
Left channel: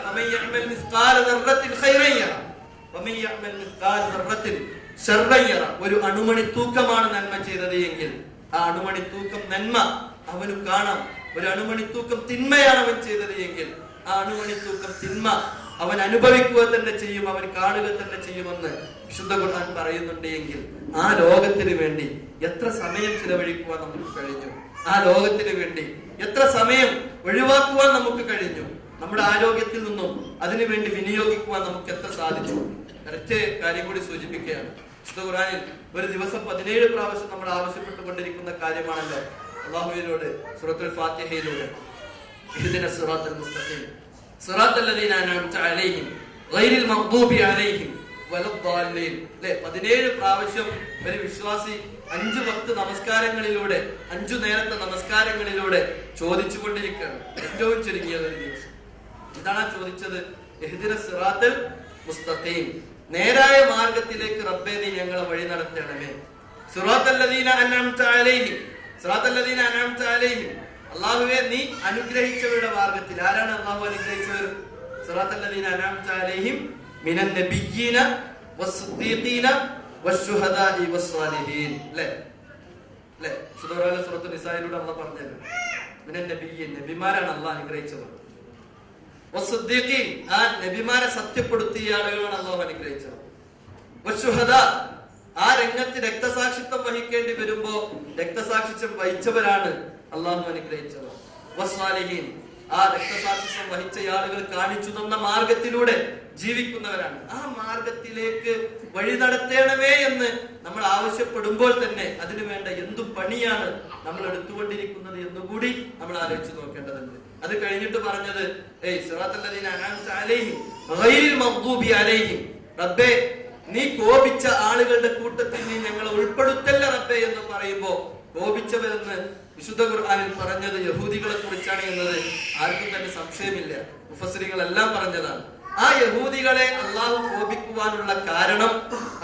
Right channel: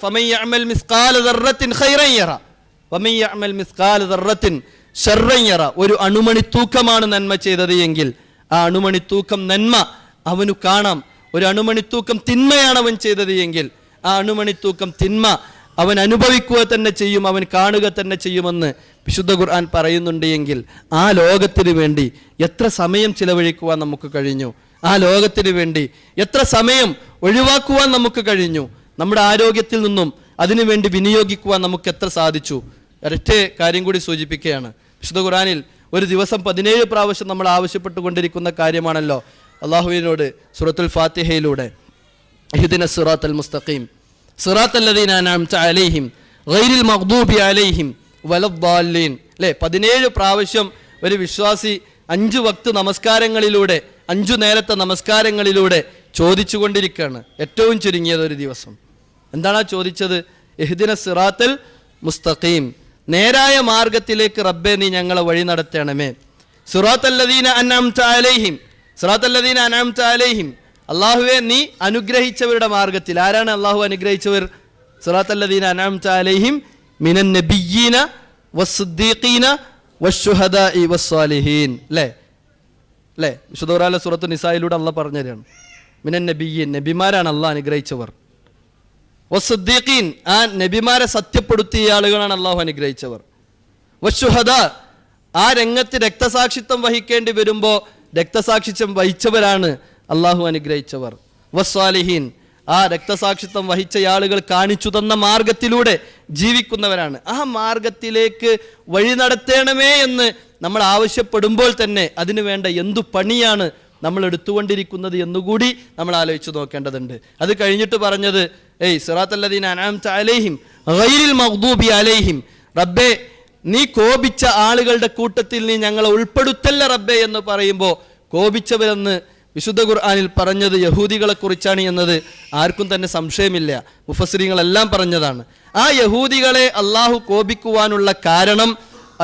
ഒരു അണുമണി തൂക്കമാണ് നന്മ ചെയ്തത് എങ്കിൽ ആ അണുമണി തൂക്കം നന്മ അവനു കാണാം. ഒരു അണുമണി തൂക്കം തിന്മയാണ് അവൻ ചെയ്തത് എങ്കിൽ ആ അണുമണി തൂക്കം തിന്മ അവൻ അനുഭവിക്കുക തന്നെ ചെയ്യും, അവൻ കാണുക തന്നെ ചെയ്യുമെന്ന് വിശുദ്ധ ഖുർആൻ പറയുന്നുണ്ട്. എങ്കിൽ ആ ലോകത്തിന് വേണ്ടി എത്ര സമയം ചിലവഴിക്കുവാൻ നമുക്ക് കഴിഞ്ഞു, ആ ലോകത്തിന് വേണ്ടി എത്ര സമയം ഒഴിവാക്കുവാൻ നമുക്ക് കഴിഞ്ഞു, നമ്മുടെ ആരോഗ്യത്തിൽ നിന്നും അതിനുവേണ്ടി വിനിയോഗിക്കുവാൻ നമുക്ക് എത്ര സാധിച്ചു. ഒരൊറ്റ കാര്യം കൂടി സൂചിപ്പിക്കുകയാണ്. വിശുദ്ധ ഖുർആനിൽ ഒരു ദിവസം 17 പ്രാവശ്യം നമ്മൾ ആവശ്യപ്പെട്ടുകൊണ്ടിരിക്കുന്ന കാര്യമാണല്ലോ അള്ളാഹുവിനോട് സൂറത്തുൽ ഫാത്തിഹയിലൂടെ, ഇഹ്ദിനസ് സിറാത്തൽ മുസ്തഖീം സിറാത്തൽ ലദീന അൻഅംത അലൈഹിം ഗൈറിൽ മഗ്ദൂബി അലൈഹിം വലദ്ദാല്ലീൻ. 17 പ്രാവശ്യം ഒരു വിശ്വാസി 5 വക്ത് നമസ്കാരങ്ങളിലൂടെ, 5 നേരത്തെ നമസ്കാരങ്ങളിലൂടെ ചോദിച്ചുകൊണ്ടിരിക്കുകയാണ്. ഏറ്റവും ചുരുങ്ങിയത് ഒരു ദിവസം എന്താണ് ചോദിച്ചത്? ഇഹ്ദിനസ് സിറാത്തൽ മുസ്തഖീം, നേരായ മാർഗത്തിലേക്ക് റബ്ബേ നീ ഞങ്ങളെ വഴി നടത്തണമേ. സിറാത്തൽ ലദീന അൻഅംത അലൈഹിം, സിറാത്തൽ ലദീന അൻഅംത അലൈഹിം, അല്ലാഹുവേ നീ അനുഗ്രഹിച്ചവരുടെ മാർഗത്തിൽ. ആരാണ് അല്ലാഹു അനുഗ്രഹിച്ചവർ? സിറാത്തൽ ലദീന അൻഅംത അലൈഹിം മിനൻ നബിയ്യീന വസ്സിദ്ദീഖീന വശുഹദാഇ വസ്സാലിഹീൻ. അല്ലേ? വിശുദ്ധ ഖുർആനിലെ സൂറത്തു നിസായിലൂടെ അല്ലാഹ് പറഞ്ഞു തരാണ്. മിനൻ നബിയ്യീൻ, നബിമാരാണ് അല്ലാഹ് അനുഗ്രഹിച്ചവർ. വസ്സിദ്ദീഖീൻ, ആ നബിമാരെ സത്യപ്പെടുത്തിയ ആളുകളാണ് അല്ലാഹു അനുഗ്രഹിച്ചവർ. വശുഹദാ, ആ രംഗത്ത് രക്തസാക്ഷിത്വം വഹിക്കേണ്ടി വരുമ്പോൾ രക്തസാക്ഷിത്വം വഹിച്ചവരാണ് അല്ലാഹു അനുഗ്രഹിച്ചവർ. വസ്സാലിഹീൻ, ആ രക്തസാക്ഷിത്വം വഹിച്ച ആളുകൾ കാണിച്ചു തന്ന മാർഗത്തിലൂടെ ജീവിക്കുന്നവരാണ്. ആ മാർഗത്തിലേക്ക് വഴി നടത്തണമേ എന്ന് നമ്മൾ ആവശ്യപ്പെടുമ്പോൾ തന്നെ അതിനു വേണ്ട എന്തു പണിയാണ് നമ്മൾ എടുത്തുകൊണ്ടിരിക്കുന്നത് എന്നുകൂടി നമ്മൾ ആലോചിച്ച് നോക്കേണ്ടതുണ്ട്. അത് കഴിഞ്ഞിട്ട് പറഞ്ഞത് സിറാത്തൽ ലദീന അൻഅംത അലൈഹിം ഗൈറിൽ മഗ്ദൂബി അലൈഹിം, റബ്ബേ നീ കോപിച്ച ആളുകളുടെ കൂട്ടത്തിൽ നീ ഞങ്ങളെ ഉൾപ്പെടുത്തല്ല റബ്ബേ എന്ന് പറയുമ്പോൾ കോപിച്ചവരെന്ന് വിശുദ്ധ ഖുർആനിൽ പറഞ്ഞത് യഹൂദികളെ കുറിച്ചാണ് എന്നത് ആർക്കും തന്നെ സംശയമില്ല. മുഫസ്സിരീങ്ങളെല്ലാം പറഞ്ഞതാണ്. ആ യഹൂദികളെ അള്ളാഹു കോപിക്കുവാനുള്ള കാരണം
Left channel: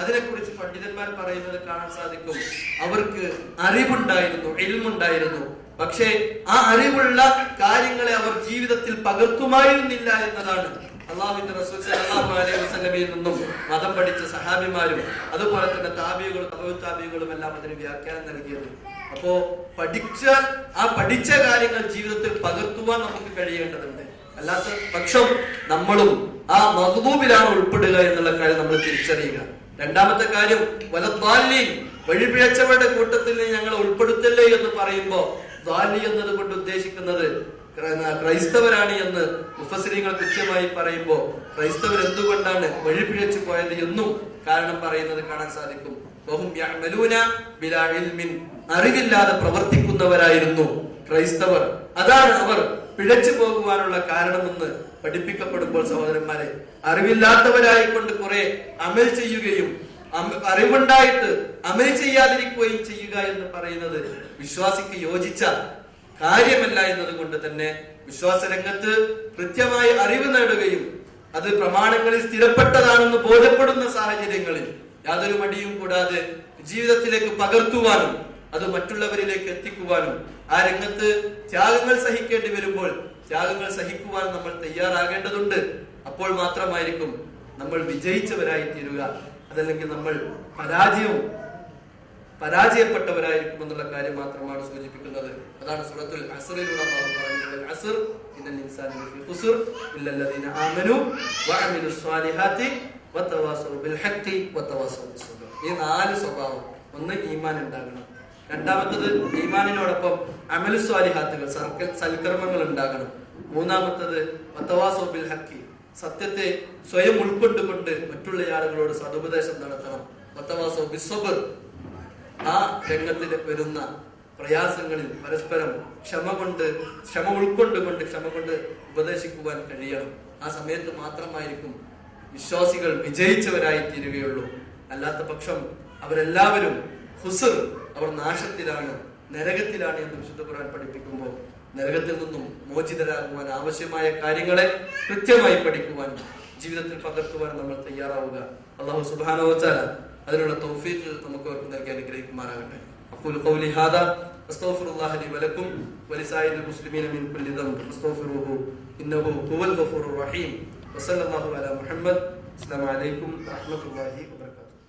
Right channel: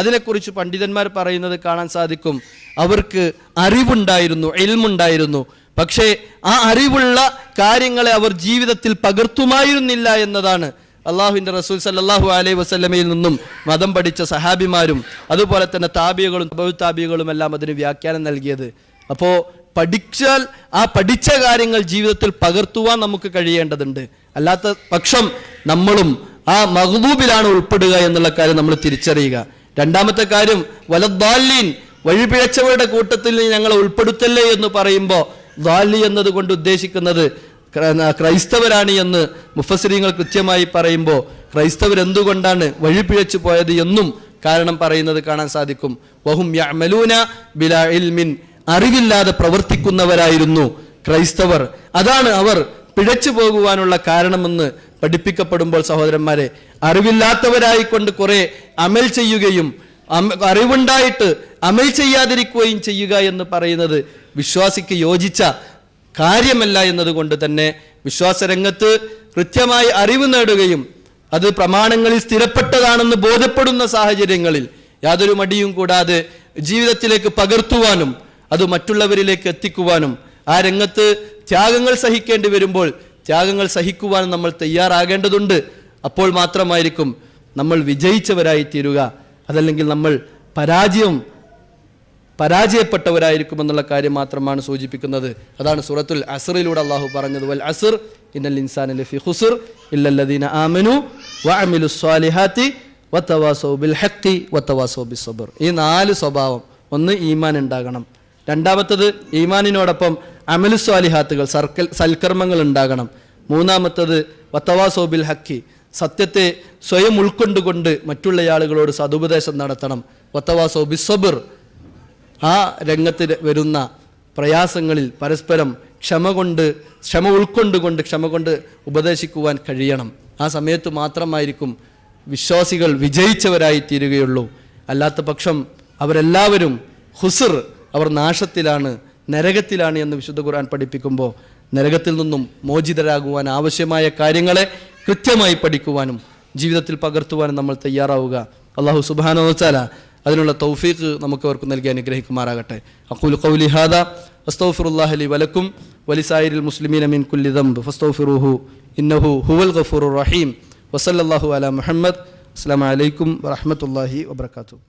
അതിനെക്കുറിച്ച് പണ്ഡിതന്മാർ പറയുന്നത് കാണാൻ സാധിക്കും. അവർക്ക് അറിവുണ്ടായിരുന്നു, ഇൽമുണ്ടായിരുന്നു, പക്ഷേ ആ അറിവുള്ള കാര്യങ്ങളെ അവർ ജീവിതത്തിൽ പകർത്തുമായിരുന്നില്ല എന്നതാണ് അള്ളാഹുവിന്റെ റസൂൽ സല്ലല്ലാഹു അലൈഹി വസല്ലമയിൽ നിന്നും മതം പഠിച്ച സഹാബിമാരും അതുപോലെ തന്നെ താബികളും താബികളും എല്ലാം അതിന് വ്യാഖ്യാനം നൽകിയത്. അപ്പോ പഠിച്ചാൽ ആ പഠിച്ച കാര്യങ്ങൾ ജീവിതത്തിൽ പകർത്തുവാൻ നമുക്ക് കഴിയേണ്ടതുണ്ട്. അല്ലാത്ത പക്ഷം നമ്മളും ആ മഗ്ദൂബിലാണ് ഉൾപ്പെടുക എന്നുള്ള കാര്യം നമ്മൾ തിരിച്ചറിയുക. രണ്ടാമത്തെ കാര്യം വലദ്ദാല്ലീൻ, വഴിപിഴച്ചവരുടെ കൂട്ടത്തിൽ ഞങ്ങളെ ഉൾപ്പെടുത്തല്ലേ എന്ന് പറയുമ്പോൾ ദാലി എന്നതുകൊണ്ട് ഉദ്ദേശിക്കുന്നത് ക്രൈസ്തവരാണ് എന്ന് മുഫസ്സിരീങ്ങൾ കൃത്യമായി പറയുമ്പോൾ ക്രൈസ്തവർ എന്തുകൊണ്ടാണ് വഴിപിഴച്ചു പോയത് എന്നും കാരണം പറയുന്നത് കാണാൻ സാധിക്കും. വഹും യഅമലൂന ബിലാ ഇൽമിൻ, അറിവില്ലാതെ പ്രവർത്തിക്കുന്നവരായിരുന്നു ക്രൈസ്തവർ. അതാണ് അവർ പിഴച്ചു പോകുവാനുള്ള കാരണമെന്ന് പഠിപ്പിക്കപ്പെടുമ്പോൾ സഹോദരന്മാരെ, അറിവില്ലാത്തവരായിക്കൊണ്ട് കുറെ അമൽ ചെയ്യുകയും അറിവുണ്ടായിട്ട് അമൽ ചെയ്യാതിരിക്കുകയും ചെയ്യുക എന്ന് പറയുന്നത് വിശ്വാസിക്ക് യോജിച്ച കാര്യമല്ല എന്നതുകൊണ്ട് തന്നെ വിശ്വാസരംഗത്ത് കൃത്യമായി അറിവ് നേടുകയും അത് പ്രമാണങ്ങളിൽ സ്ഥിരപ്പെട്ടതാണെന്ന് ബോധ്യപ്പെടുന്ന സാഹചര്യങ്ങളിൽ യാതൊരു മടിയും കൂടാതെ ജീവിതത്തിലേക്ക് പകർത്തുവാനും അത് മറ്റുള്ളവരിലേക്ക് എത്തിക്കുവാനും ആ രംഗത്ത് ത്യാഗങ്ങൾ സഹിക്കേണ്ടി വരുമ്പോൾ ത്യാഗങ്ങൾ സഹിക്കുവാനും നമ്മൾ തയ്യാറാകേണ്ടതുണ്ട്. അപ്പോൾ മാത്രമായിരിക്കും നമ്മൾ വിജയിച്ചവരായി തീരുക. അതല്ലെങ്കിൽ നമ്മൾ പരാജയപ്പെട്ടവരായിരിക്കും എന്നുള്ള കാര്യം മാത്രമാണ് സൂചിപ്പിക്കുന്നത്. അതാണ് സൂറത്തുൽ അസ്റിലൂടെ അള്ളാഹു പറഞ്ഞത്, വൽ അസ്ർ ഇന്നൽ ഇൻസാന ലഫീ ഖുസ്ർ ഇല്ലല്ലദീന ആമനു വഅമിലുസ് സ്വാലിഹാത്തി വതവാസൗ ബിൽ ഹഖി വതവാസൗ ബിസ്സബ്ർ. ഈ 4 സ്വഭാവം. ഒന്ന്, ഈമാൻ ഉണ്ടാകണം. രണ്ടാമത്തത്, ഈമാനിനോടൊപ്പം അമലു സ്വാലിഹാത്തുകൾ സൽക്കർമ്മങ്ങൾ ഉണ്ടാകണം. മൂന്നാമത്തത്, വതവാസൗ ബിൽ ഹഖി, സത്യത്തെ സ്വയം ഉൾക്കൊണ്ടുകൊണ്ട് മറ്റുള്ള ആളുകളോട് സതുപദേശം നടത്തണം. വതവാസൗ ബിസ്സബ്ർ, ആ രംഗത്ത് വരുന്ന പ്രയാസങ്ങളിൽ പരസ്പരം ക്ഷമ ഉൾക്കൊണ്ടുകൊണ്ട് ഉപദേശിക്കുവാൻ കഴിയണം. ആ സമയത്ത് മാത്രമായിരിക്കും വിശ്വാസികൾ വിജയിച്ചവരായി തീരുകയുള്ളൂ. അല്ലാത്ത പക്ഷം അവരെല്ലാവരും ഖുസ്ർ, അവർ നാശത്തിലാണ്, നരകത്തിലാണ് എന്ന് വിശുദ്ധ ഖുർആൻ പഠിപ്പിക്കുമ്പോൾ നരകത്തിൽ നിന്നും മോചിതരാകുവാൻ ആവശ്യമായ കാര്യങ്ങളെ കൃത്യമായി പഠിക്കുവാനും ജീവിതത്തിൽ പകർത്തുവാനും നമ്മൾ തയ്യാറാവുക. അല്ലാഹു സുബ്ഹാനഹു വ തആല അതിനുള്ള തൗഫീഖ് നമുക്ക് അവർക്ക് നൽകി അനുഗ്രഹിക്കുമാറാകട്ടെ. അഖൂലു ഖൗലി ഹാദാ അസ്തഗ്ഫിറുല്ലാഹ ലി വലക്കും വലിസായിരിൽ മുസ്ലിമീന മിൻ കുല്ലി ദംബ് ഫസ്തഗ്ഫിറൂഹു ഇന്നഹു ഹുവൽ ഗഫൂറുർ റഹീം. വസല്ലല്ലാഹു അലാ മുഹമ്മദ്. അസ്സലാമു അലൈക്കും വറഹ്മത്തുള്ളാഹി വബറകാതുഹു.